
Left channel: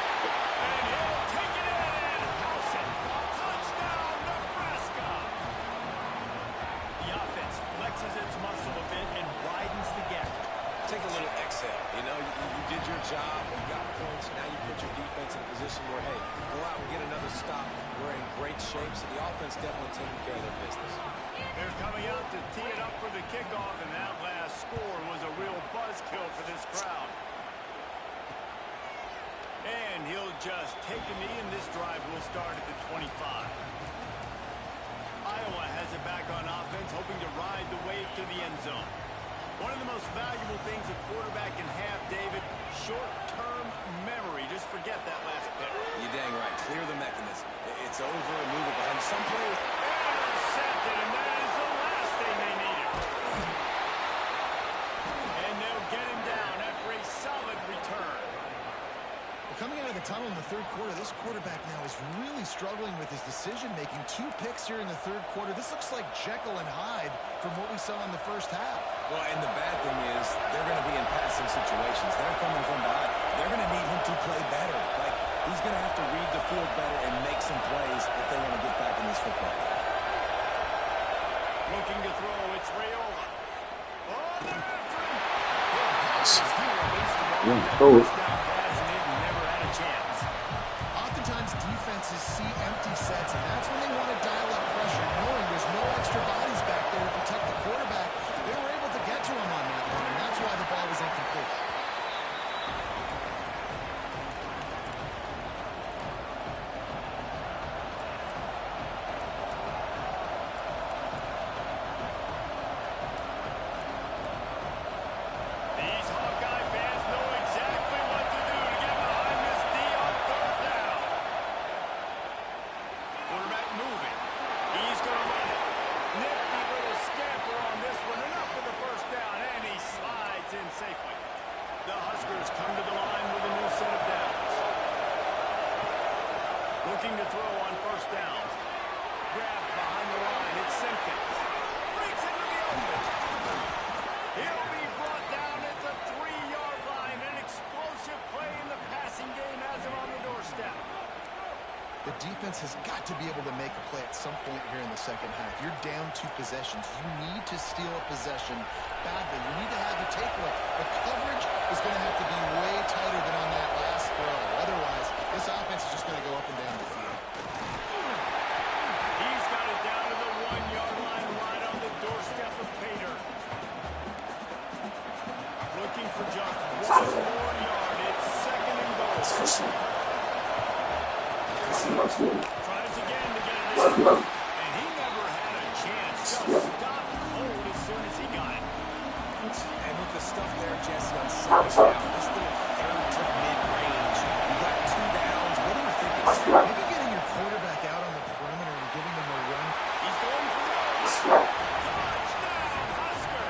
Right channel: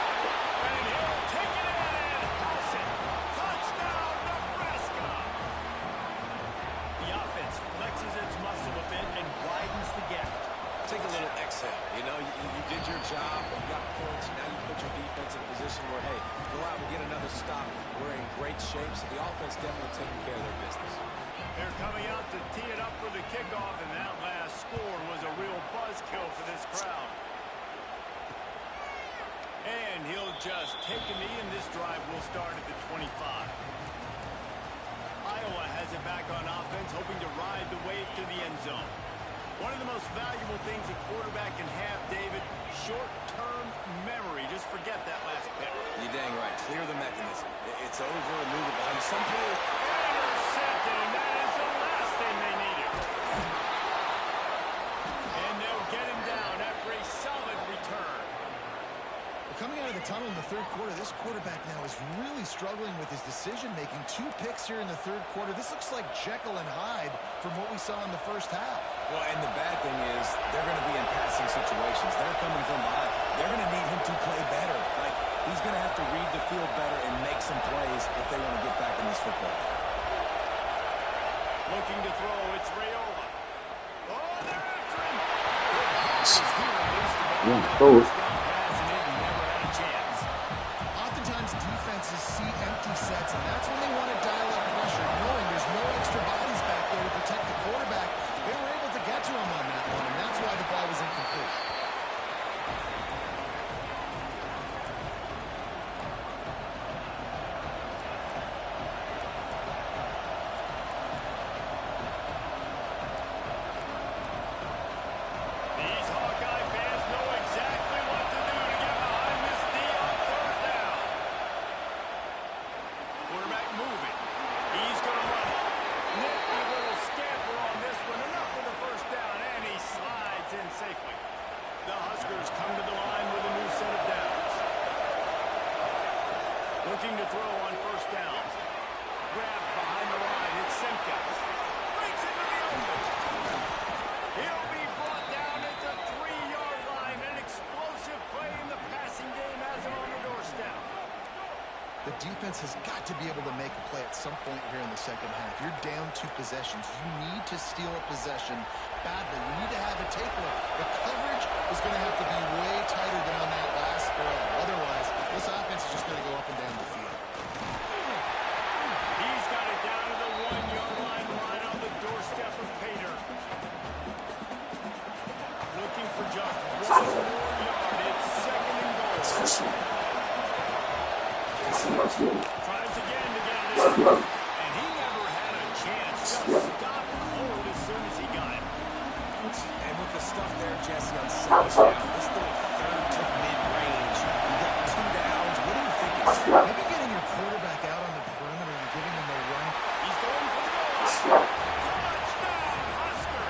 and he'll take it in and house it. Touchdown, Nebraska! The offense flexes its muscle a bit and widens the gap. Take a little exhale. You know, you did your job. You got points. Now you put your defense in a position where, hey, go out and get another stop. We're in great shape, so the offense definitely taking care of their business. They're coming out to tee it up for the kickoff, and that last score was a real buzzkill for this crowd. And he'll just take a knee, and this drive will start at the 25. Iowa has it back on offense, hoping to ride the wave to the end zone. One of the most valuable things a quarterback can have, David, short-term memory. Just forget that last pick. You're dang right. Clear the mechanism. It's over and move it behind. Some players... Intercepted, and that is the last thing they needed. And they'll get him down after a solid return. Coming out of the tunnel in the third quarter, this quarterback now is really struggling with his decision-making. 2 picks here in the third quarter. This looks like Jekyll and Hyde from what we saw in the first half. Well, and the bad thing is they're going to be in passing situations. They're coming from behind. They're going to need him to play better. Like, he's going to have to read the field better and make some plays if they want to get back in this football game. Looking to throw, it's Raiola. Oh, they're after him. Good hard as he released the ball. That first down pass, and it never had a chance. Oftentimes defenses see empty sets, and that's when they want to dial up pressure, knowing there's no extra bodies back there to protect the quarterback. They were able to get to him on that one, and that's why the ball was incomplete. These Hawkeye fans know exactly what to do to get behind this D on third down. Quarterback moving. He's going to run it. Nifty little scamper on this one. Enough for the first down, and he slides in safely. The Huskers come to the line with a new set of downs. Looking to throw on first down. grabbed behind the line. It's Simpkins. Breaks into the open. He'll be brought down at the 3-yard line. An explosive play in the passing game has him on the doorstep. The defense has got to be able to make a play at some point here in the second half. You're down 2 possessions. You need to steal a possession badly. You need to have a takeaway. The coverage is going to have to be way tighter than on that last throw. Otherwise, this offense is just going to go up and down the field. He's got it down to the 1-yard line, right on the doorstep of Pater. Looking for just 1 more yard. It's 2nd and goal. Tries again to get it in. And he never had a chance. Just stopped cold as soon as he got it. And with the stuff there, Jesse, on 2nd down, this little 3rd to mid-range, you got 2 downs. What are you thinking? Maybe getting your quarterback out on the perimeter and giving him a run. He's going for the goal. Touchdown, Husker.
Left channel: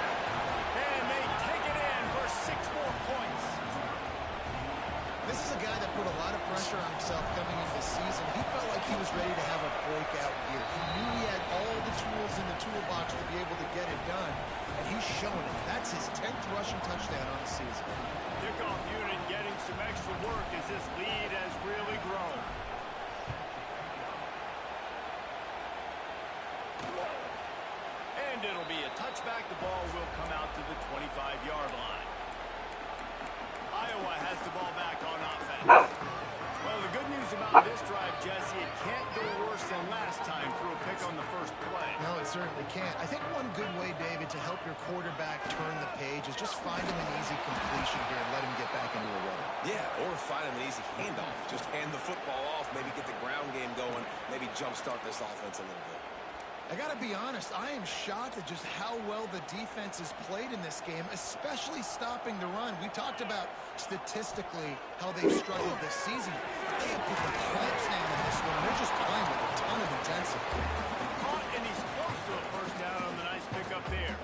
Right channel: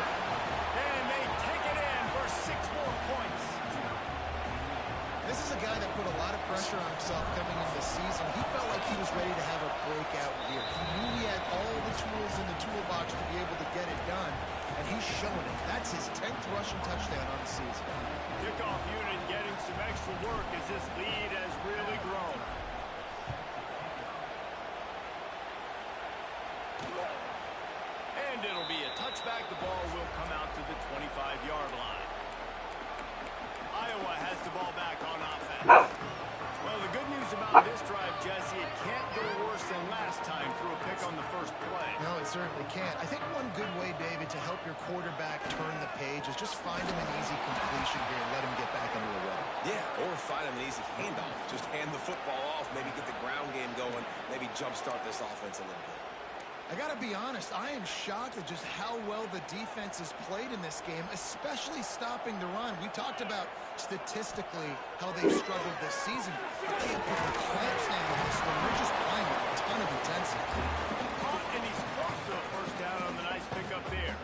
And they take it in for 6 more points. This is a guy that put a lot of pressure on himself coming into the season. He felt like he was ready to have a breakout year. He knew he had all the tools in the toolbox to be able to get it done, and he's showing it. That's his 10th rushing touchdown on the season. Kickoff unit getting some extra work as this lead has really grown. And it'll be a touchback. The ball will come out to the 25-yard line. Iowa has the ball back on offense. Well, the good news about this drive, Jesse, it can't go worse than last time through a pick on the first play. No, it certainly can't. I think one good way, David, to help your quarterback turn the page is just find him an easy completion here and let him get back into a rhythm. Yeah, or find him an easy handoff. Just hand the football off, maybe get the ground game going, maybe jumpstart this offense a little bit. I got to be honest, I am shocked at just how well the defense has played in this game, especially stopping the run. We talked about statistically how they've struggled this season, but they have put the clamps down on this one. They're just playing with a ton of intensity. Caught, and he's close to a first down on the nice pickup there.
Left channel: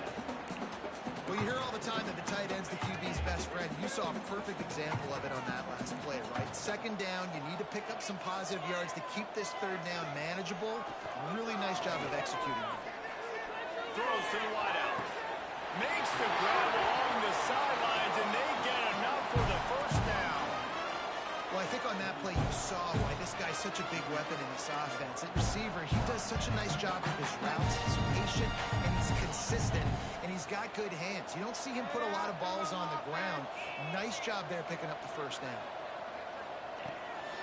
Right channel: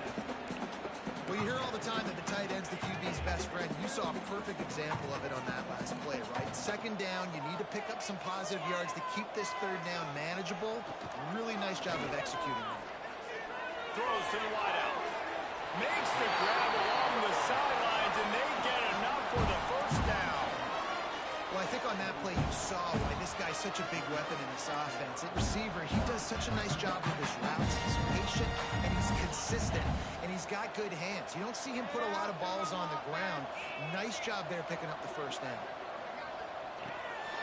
Well, you hear all the time that the tight end's the QB's best friend. You saw a perfect example of it on that last play, right? 2nd down, you need to pick up some positive yards to keep this 3rd down manageable. Really nice job of executing that. Throws to the wideout. Makes the grab along the sidelines, and they get enough for the first down. Well, I think on that play you saw why this guy's such a big weapon in this offense. At receiver, he does such a nice job with his routes. He's patient, and he's consistent, and he's got good hands. You don't see him put a lot of balls on the ground. Nice job there picking up the first down.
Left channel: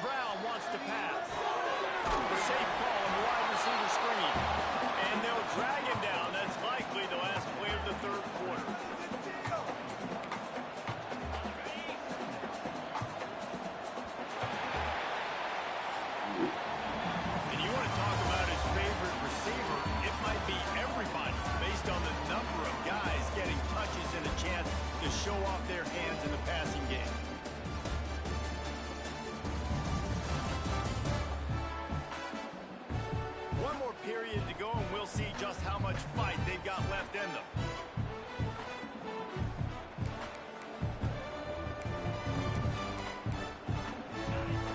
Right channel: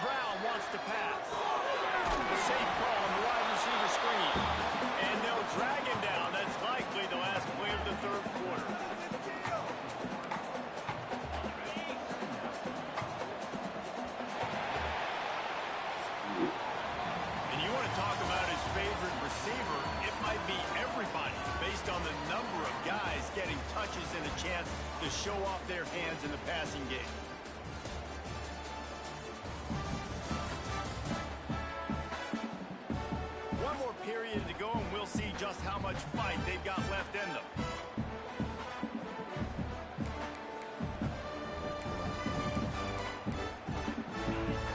Brown wants to pass. The safe call on the wide receiver screen. And they'll drag him down. That's likely the last play of the 3rd quarter. And you want to talk about his favorite receiver, it might be everybody based on the number of guys getting touches and a chance to show off their hands in the passing game. One more period to go, and we'll see just how much fight they've got left in them.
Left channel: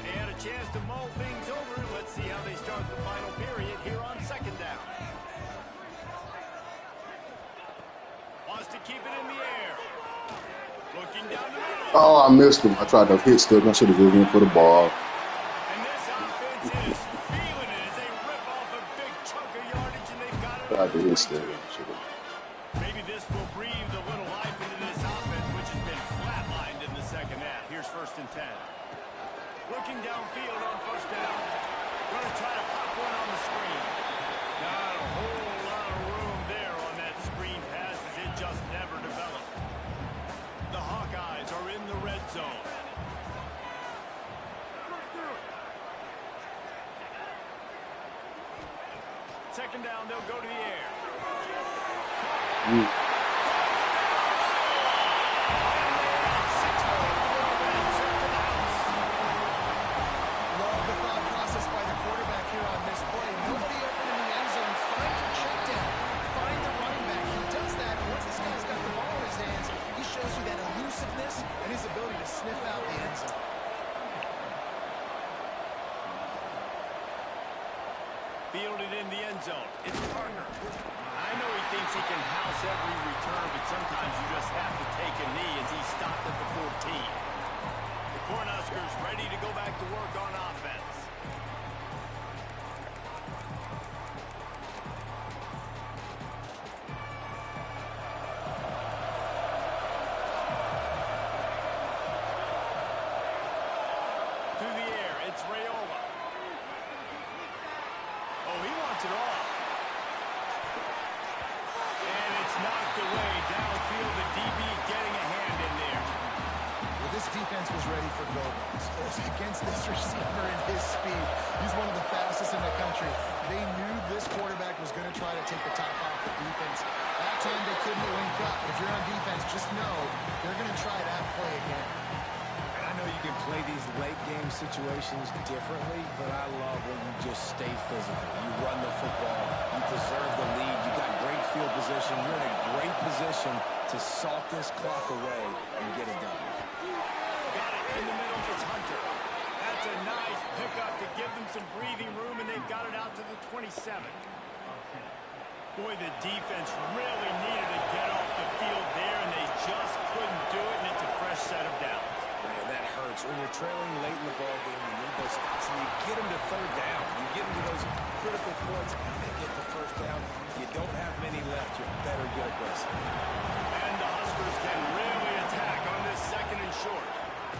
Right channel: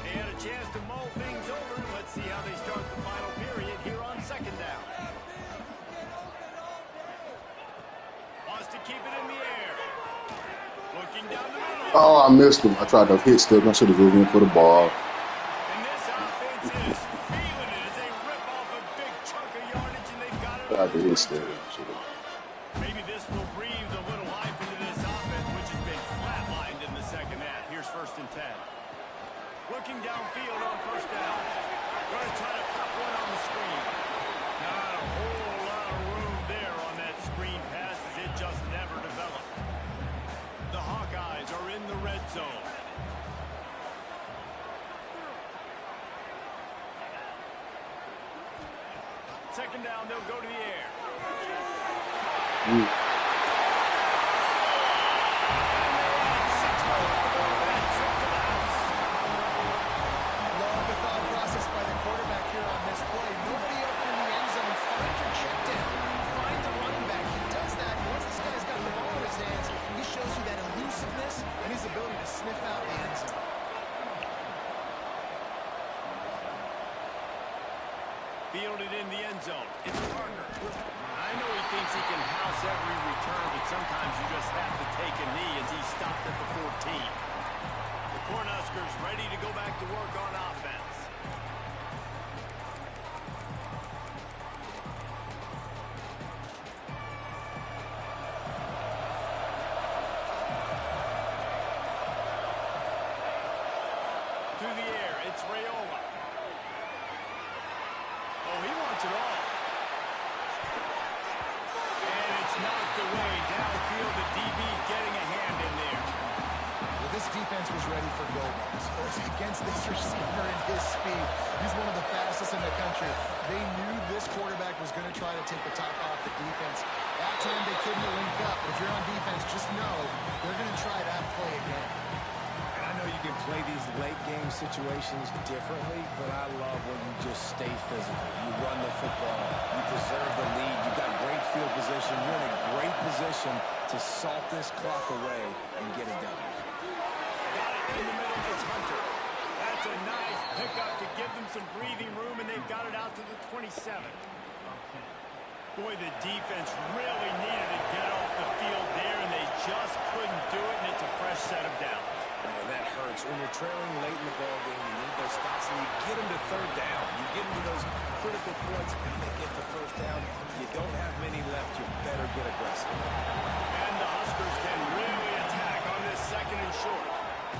They had a chance to mull things over. Let's see how they start the final period here on 2nd down. Wants to keep it in the air. Looking down the middle. Oh, I missed him. I tried to hit stick. I should have given him for the ball. And this offense is feeling it as they rip off a big chunk of yardage, and they've got it. Tried to hit stick. Maybe this will breathe a little life into this offense, which has been flatlined in the second half. Here's 1st and 10. Looking downfield on 1st down. Going to try to pop one on the screen. Not a whole lot of room there on that screen pass, as it just never developed. The Hawkeyes are in the red zone. Second down, they'll go to the air. And they add 6 more to go over that trip to the house. Love the thought process by the quarterback here on this play. Nobody open in the end zone. Find your check down. Find the running back. He does that. Once this guy's got the ball in his hands, he shows you that elusiveness and his ability to sniff out the end zone. fielded in the end zone. It's Parker. I know he thinks he can house every return, but sometimes you just have to take a knee as he stopped at the 14. The Cornhuskers ready to go back to work on offense. To the air, it's Raiola. Oh, he wants it all. And it's knocked away downfield. The DB getting a hand in there. Well, this defense was ready for go balls. Against this receiver and his speed, he's one of the fastest in the country. They knew this quarterback was going to try to take the top off the defense. That time they couldn't link up. But if you're on defense, just know they're going to try that play again. I know you can play these late game situations differently, but I love when you just stay physical. You run the football, you preserve the lead, you got great field position, you're in a great position to salt this clock away and get it done. Got it in the middle, it's Hunter. That's a nice pickup to give them some breathing room, and they've got it out to the 27. Boy, the defense really needed to get off the field there, and they just couldn't do it, and it's a fresh set of downs. Man, that hurts. When you're trailing late in the ballgame, you need those stops, and you get them to third down. You get them to those critical points. Now they get the first down. You don't have many left. You better get aggressive. And the Huskers can really attack on this second and short.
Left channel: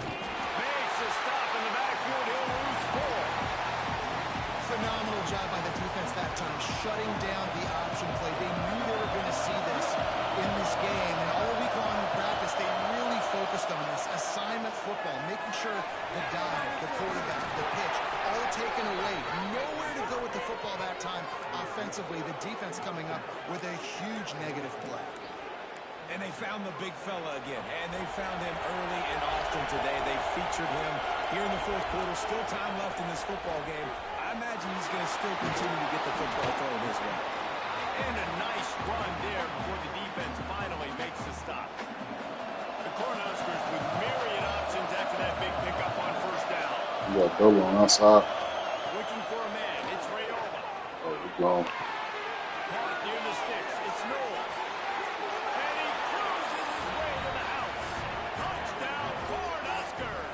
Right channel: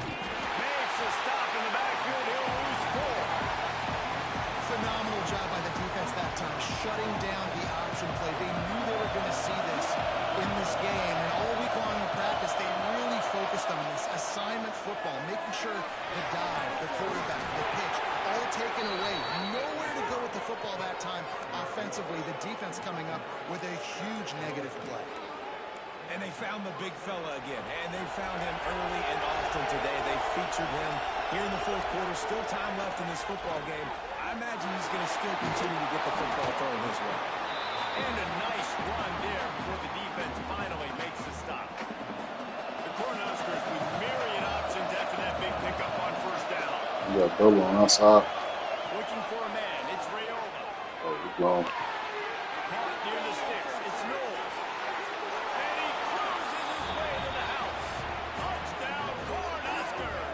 Makes a stop in the backfield. He'll lose 4. Phenomenal job by the defense that time, shutting down the option play. They knew they were going to see this in this game, and all week long in practice, they really focused on this assignment football, making sure the dive, the quarterback, the pitch, all taken away. Nowhere to go with the football that time. Offensively, the defense coming up with a huge negative play. And they found the big fella again, and they found him early and often today. They featured him here in the fourth quarter. Still time left in this football game. I imagine he's going to still continue to get the football thrown his way. And a nice run there before the defense finally makes the stop. The Cornhuskers with myriad options after that big pickup on first down. You got double on outside. Looking for a man. It's Raiola. Oh, he's gone. Caught near the sticks. It's Knowles. And he cruises his way to the house. Touchdown, Cornhuskers.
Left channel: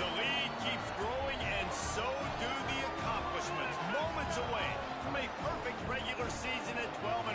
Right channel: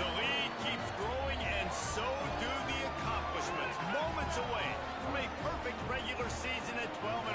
The lead keeps growing, and so do the accomplishments. Moments away from a perfect regular season at 12-0.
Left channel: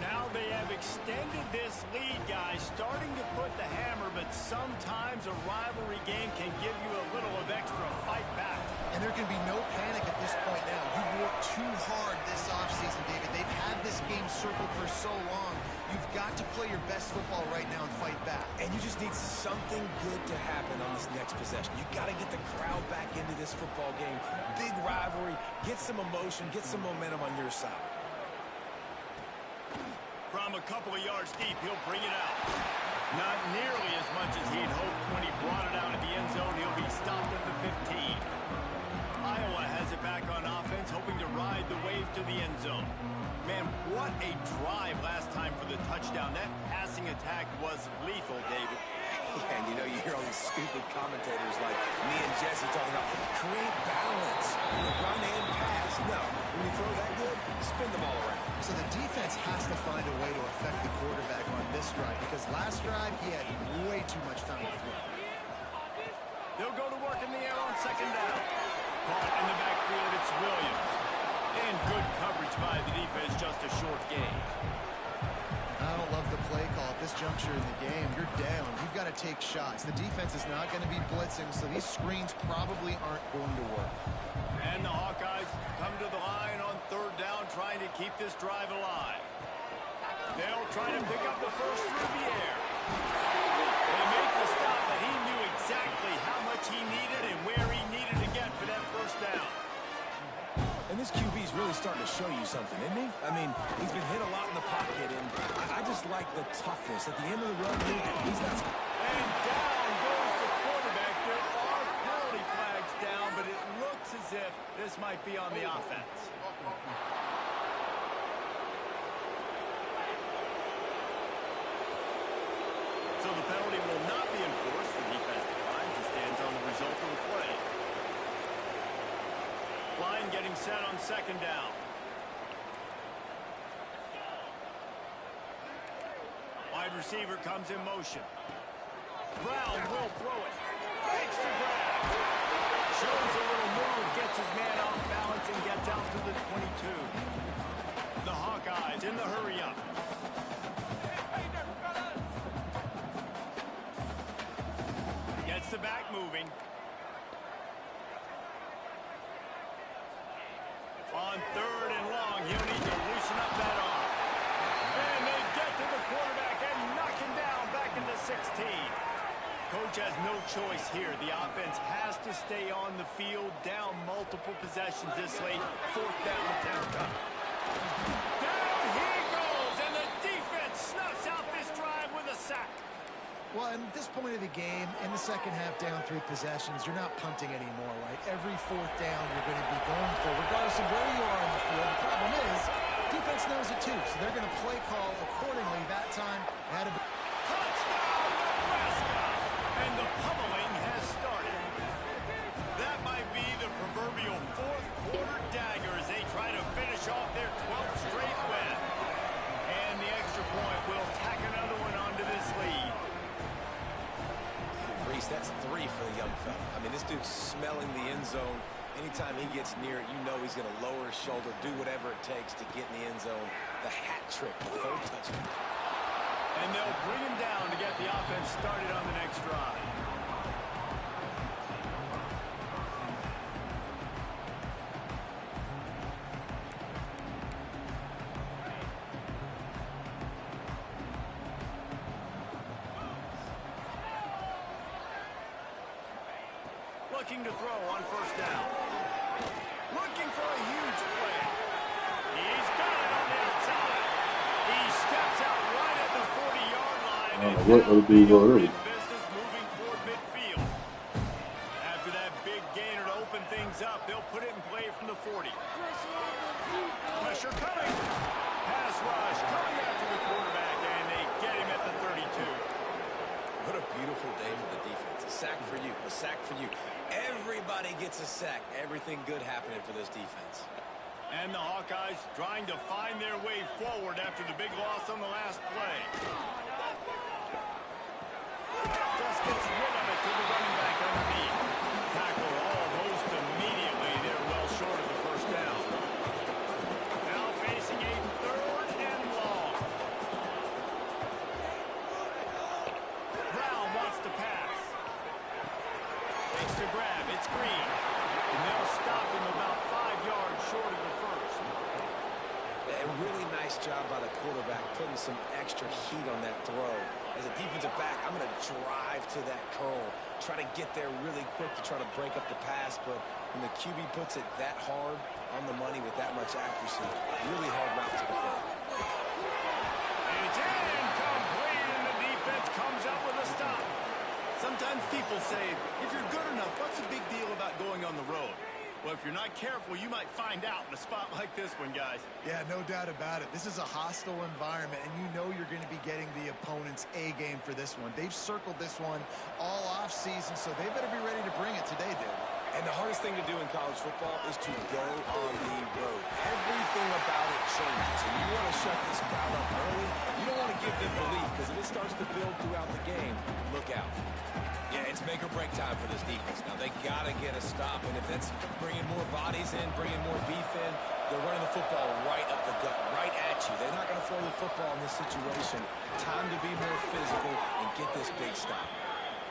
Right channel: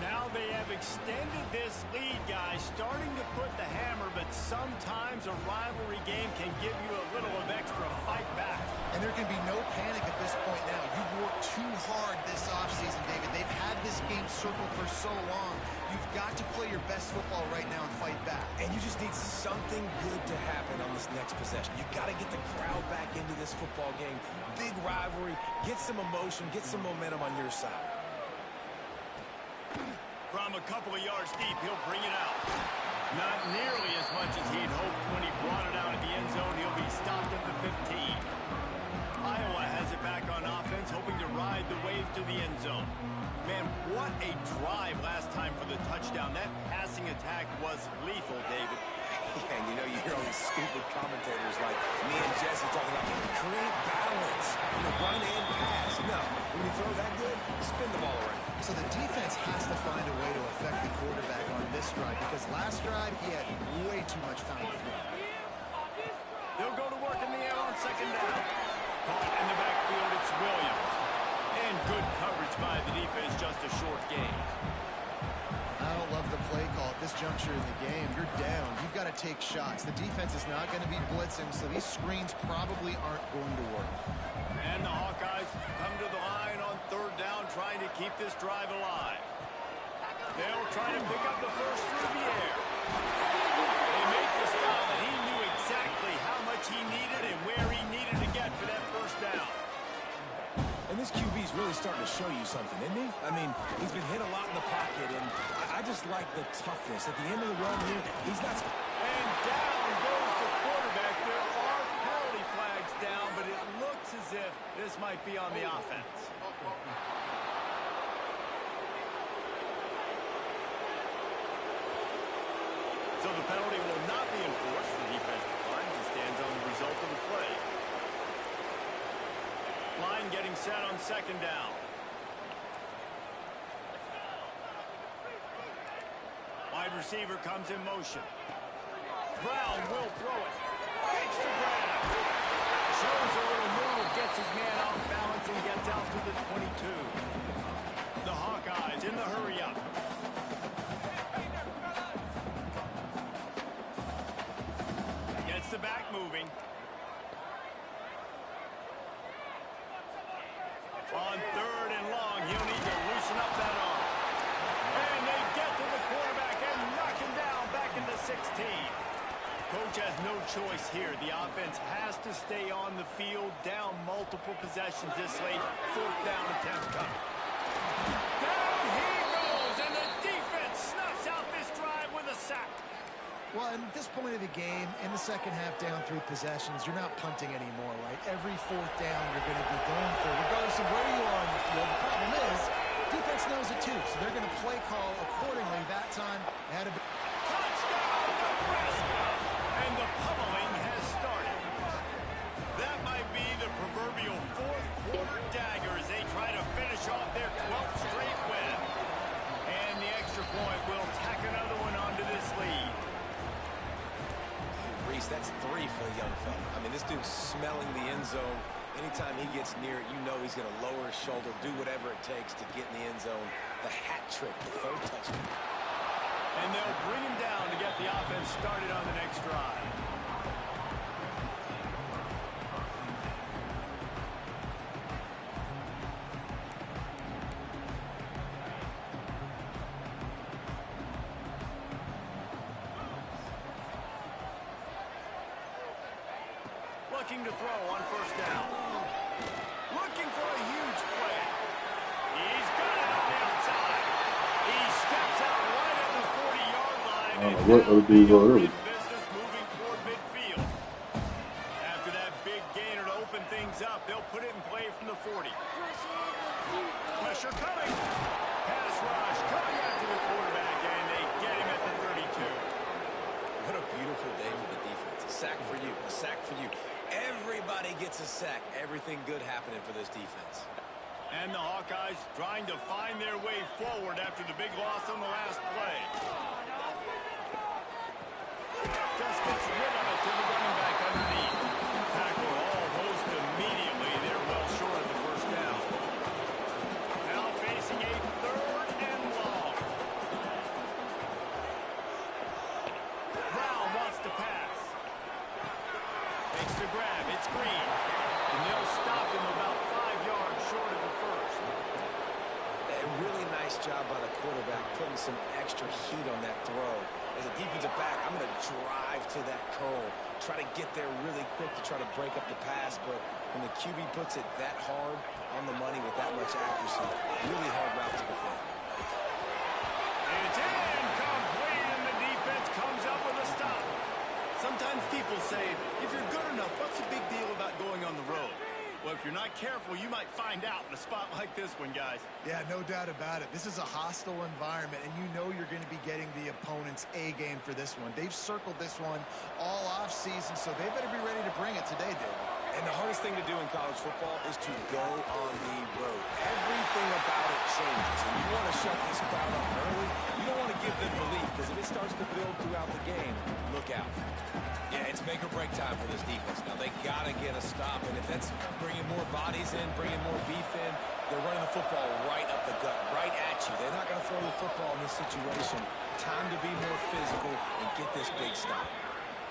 Now they have extended this lead, guys, starting to put the hammer, but sometimes a rivalry game can give you a little of extra fight back. And there can be no panic at this point now. You've worked too hard this offseason, David. They've had this game circled for so long. You've got to play your best football right now and fight back. And you just need something good to happen on this next possession. You got to get the crowd back into this football game. Big rivalry. Get some emotion. Get some momentum on your side. From a couple of yards deep, he'll bring it out. Not nearly as much as he'd hoped when he brought it out of the end zone. He'll be stopped at the 15. Iowa has it back on offense, hoping to ride the wave to the end zone. Man, what a drive last time for the touchdown. That passing attack was lethal, David. And you know, you hear all these stupid commentators like me and Jesse talking about create balance, run and pass. No, when you throw that good, spin the ball around. So the defense has to find a way to affect the quarterback on this drive, because last drive he had way too much time to throw. They'll go to work in the air on second down. Caught in the backfield, it's Williams. And good coverage by the defense, just a short gain. I don't love the play call at this juncture in the game. You're down. You've got to take shots. The defense is not going to be blitzing, so these screens probably aren't going to work. And the Hawkeyes come to the line on third down, trying to keep this drive alive. They'll try to pick up the first through the air. They make the stop, but he knew exactly how much he needed and where he needed to get for that first down. And this QB's really starting to show you something, isn't he? I mean, he's been hit a lot in the pocket, and I just like the toughness. At the end of the run, he's not... And down goes the quarterback. There are penalty flags down, but it looks as if this might be on the offense. So the penalty will not be enforced. The defense declines and stands on the result of the play. line getting set on second down. Wide receiver comes in motion. Brown will throw it. Makes the grab. Shows a little move, gets his man off balance, and gets out to the 22. The Hawkeyes in the hurry up. Gets the back moving. On third and long, he'll need to loosen up that arm. And they get to the quarterback and knock him down back into 16. Coach has no choice here. The offense has to stay on the field, down multiple possessions this late. Fourth down attempt coming. Down he goes, and the defense snuffs out this drive with a sack. Well, at this point of the game, in the second half, down 3 possessions, you're not punting anymore, right? Every fourth down you're going to be going for, regardless of where you are on the field. The problem is, defense knows it too, so they're going to play call accordingly. That time, they had a touchdown, Nebraska! And the pummeling has started. That might be the proverbial fourth quarter dagger as they try to finish off their 12th straight win. And the extra point will tack another one onto this lead. Reese, that's 3 for the young fella. I mean, this dude's smelling the end zone. Anytime he gets near it, you know he's going to lower his shoulder, do whatever it takes to get in the end zone. The hat trick, the third touchdown. And they'll bring him down to get the offense started on the next drive. Looking to throw on first down. Looking for a huge play. He's got it on the outside. He steps out right at the 40-yard line. And business moving toward midfield. After that big gainer to open things up, they'll put it in play from the 40. Pressure coming. Pass rush coming after the quarterback, and they get him at the 32. What a beautiful day for the defense. A sack for you, a sack for you. Everybody gets a sack. Everything good happening for this defense. And the Hawkeyes trying to find their way forward after the big loss on the last play. Just gets rid of it to the running back underneath. Tackle almost immediately. They're well short of the first down. Now facing a third and long. Brown wants to pass. Takes the grab. It's Green. And they'll stop him about 5 yards short of the first. A really nice job by the quarterback putting some extra heat on that throw. As a defensive back, I'm going to drive to that curl, try to get there really quick to try to break up the pass, but when the QB puts it that hard on the money with that much accuracy, really hard route to defend. It's incomplete, and the defense comes up with a stop. Sometimes people say, if you're good enough, what's the big deal about going on the road? Well, if you're not careful, you might find out in a spot like this one, guys. Yeah, no doubt about it. This is a hostile environment, and you know you're going to be getting the opponent's A game for this one. They've circled this one all off season, so they better be ready to bring it today, David. And the hardest thing to do in college football is to go on the road. Everything about it changes, and you want to shut this crowd up early. You don't want to give them belief, because if it starts to build throughout the game, look out. Yeah, it's make or break time for this defense. Now, they got to get a stop, and if that's bringing more bodies in, bringing more beef in, they're running the football right up the gut, right at you. They're not going to throw the football in this situation. Time to be more physical and get this big stop.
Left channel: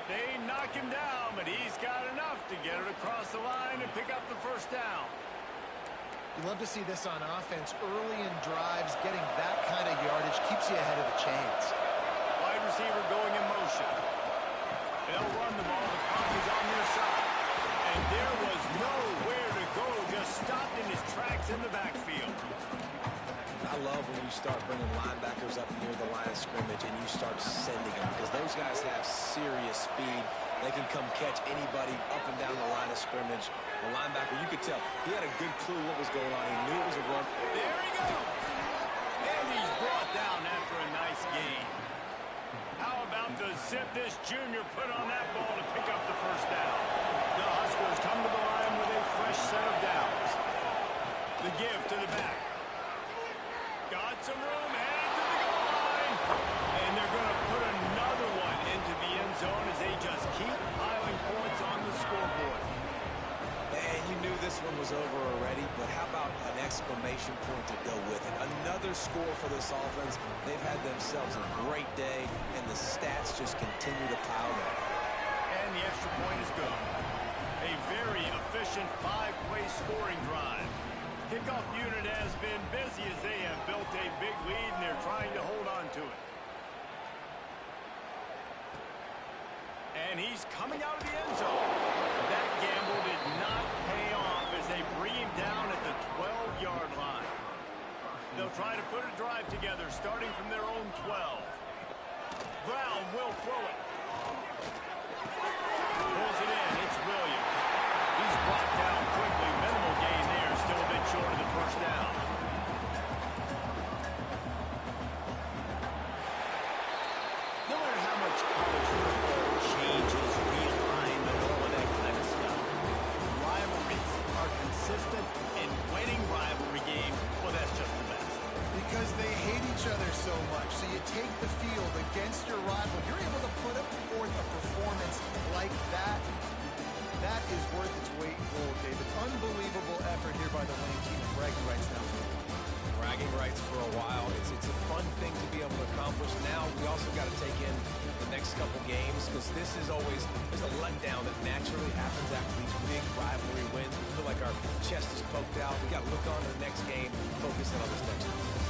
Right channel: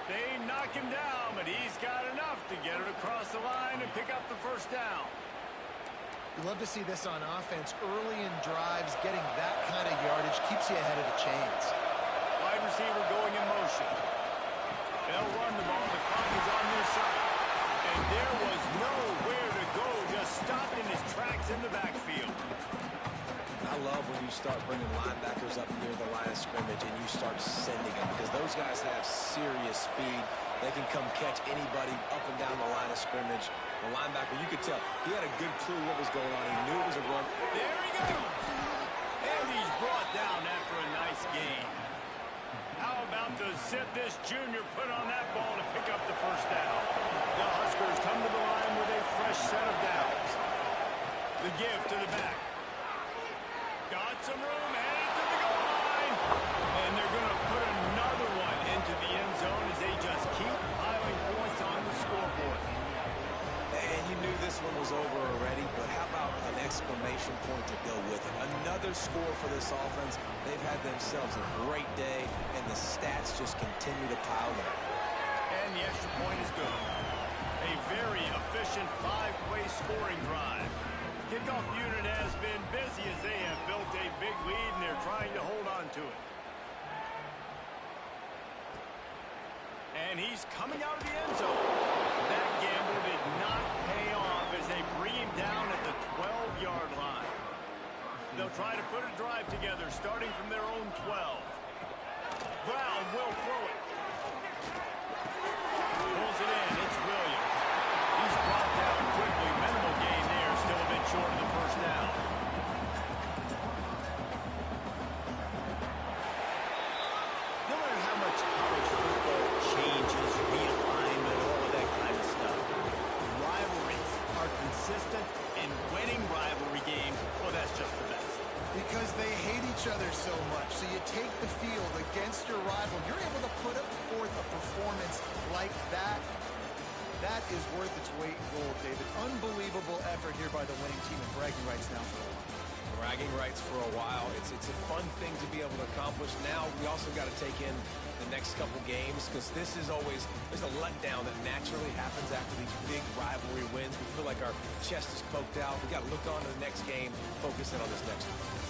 They knock him down, but he's got enough to get it across the line and pick up the first down. You love to see this on offense. Early in drives, getting that kind of yardage keeps you ahead of the chains. Wide receiver going in motion. They'll run the ball. The clock is on their side. And there was nowhere to go. Just stopped in his tracks in the backfield. I love when you start bringing linebackers up near the line of scrimmage and you start sending them, because those guys have serious speed. They can come catch anybody up and down the line of scrimmage. The linebacker, you could tell, he had a good clue what was going on. He knew it was a run. There he goes. And he's brought down after a nice gain. How about the zip this junior put on that ball to pick up the first down? The Huskers come to the line with a fresh set of downs. The give to the back. Got some room, headed to the goal line. And they're going to put another one into the end zone as they just keep piling points on the scoreboard. And you knew this one was over already, but how about an exclamation point to go with it? Another score for this offense. They've had themselves a great day, and the stats just continue to pile up. And the extra point is good. A very efficient 5-play scoring drive. Kickoff unit has been busy as they have built a big lead, and they're trying to hold on to it. And he's coming out of the end zone. That gamble did not pay off as they bring him down at the 12-yard line. They'll try to put a drive together starting from their own 12. Brown will throw it. Pulls it in. It's Williams. He's brought down quickly. Minimal gain there. Still a bit short of the first down. No matter how much college football changes, realignment, all of that kind of stuff, rivalries are consistent, and winning rivalry games, well, that's just the best. Because they hate each other so much. So you take the field against your rival. You're able to put forth a performance like that. That is worth its weight in gold, David. Unbelievable effort here by the winning team, and bragging rights now for a while. Bragging rights for a while. It's a fun thing to be able to accomplish. Now we also got to take in the next couple games, because this is always, there's a letdown that naturally happens after these big rivalry wins. We feel like our chest is poked out. We got to look on to the next game, focus in on this next one.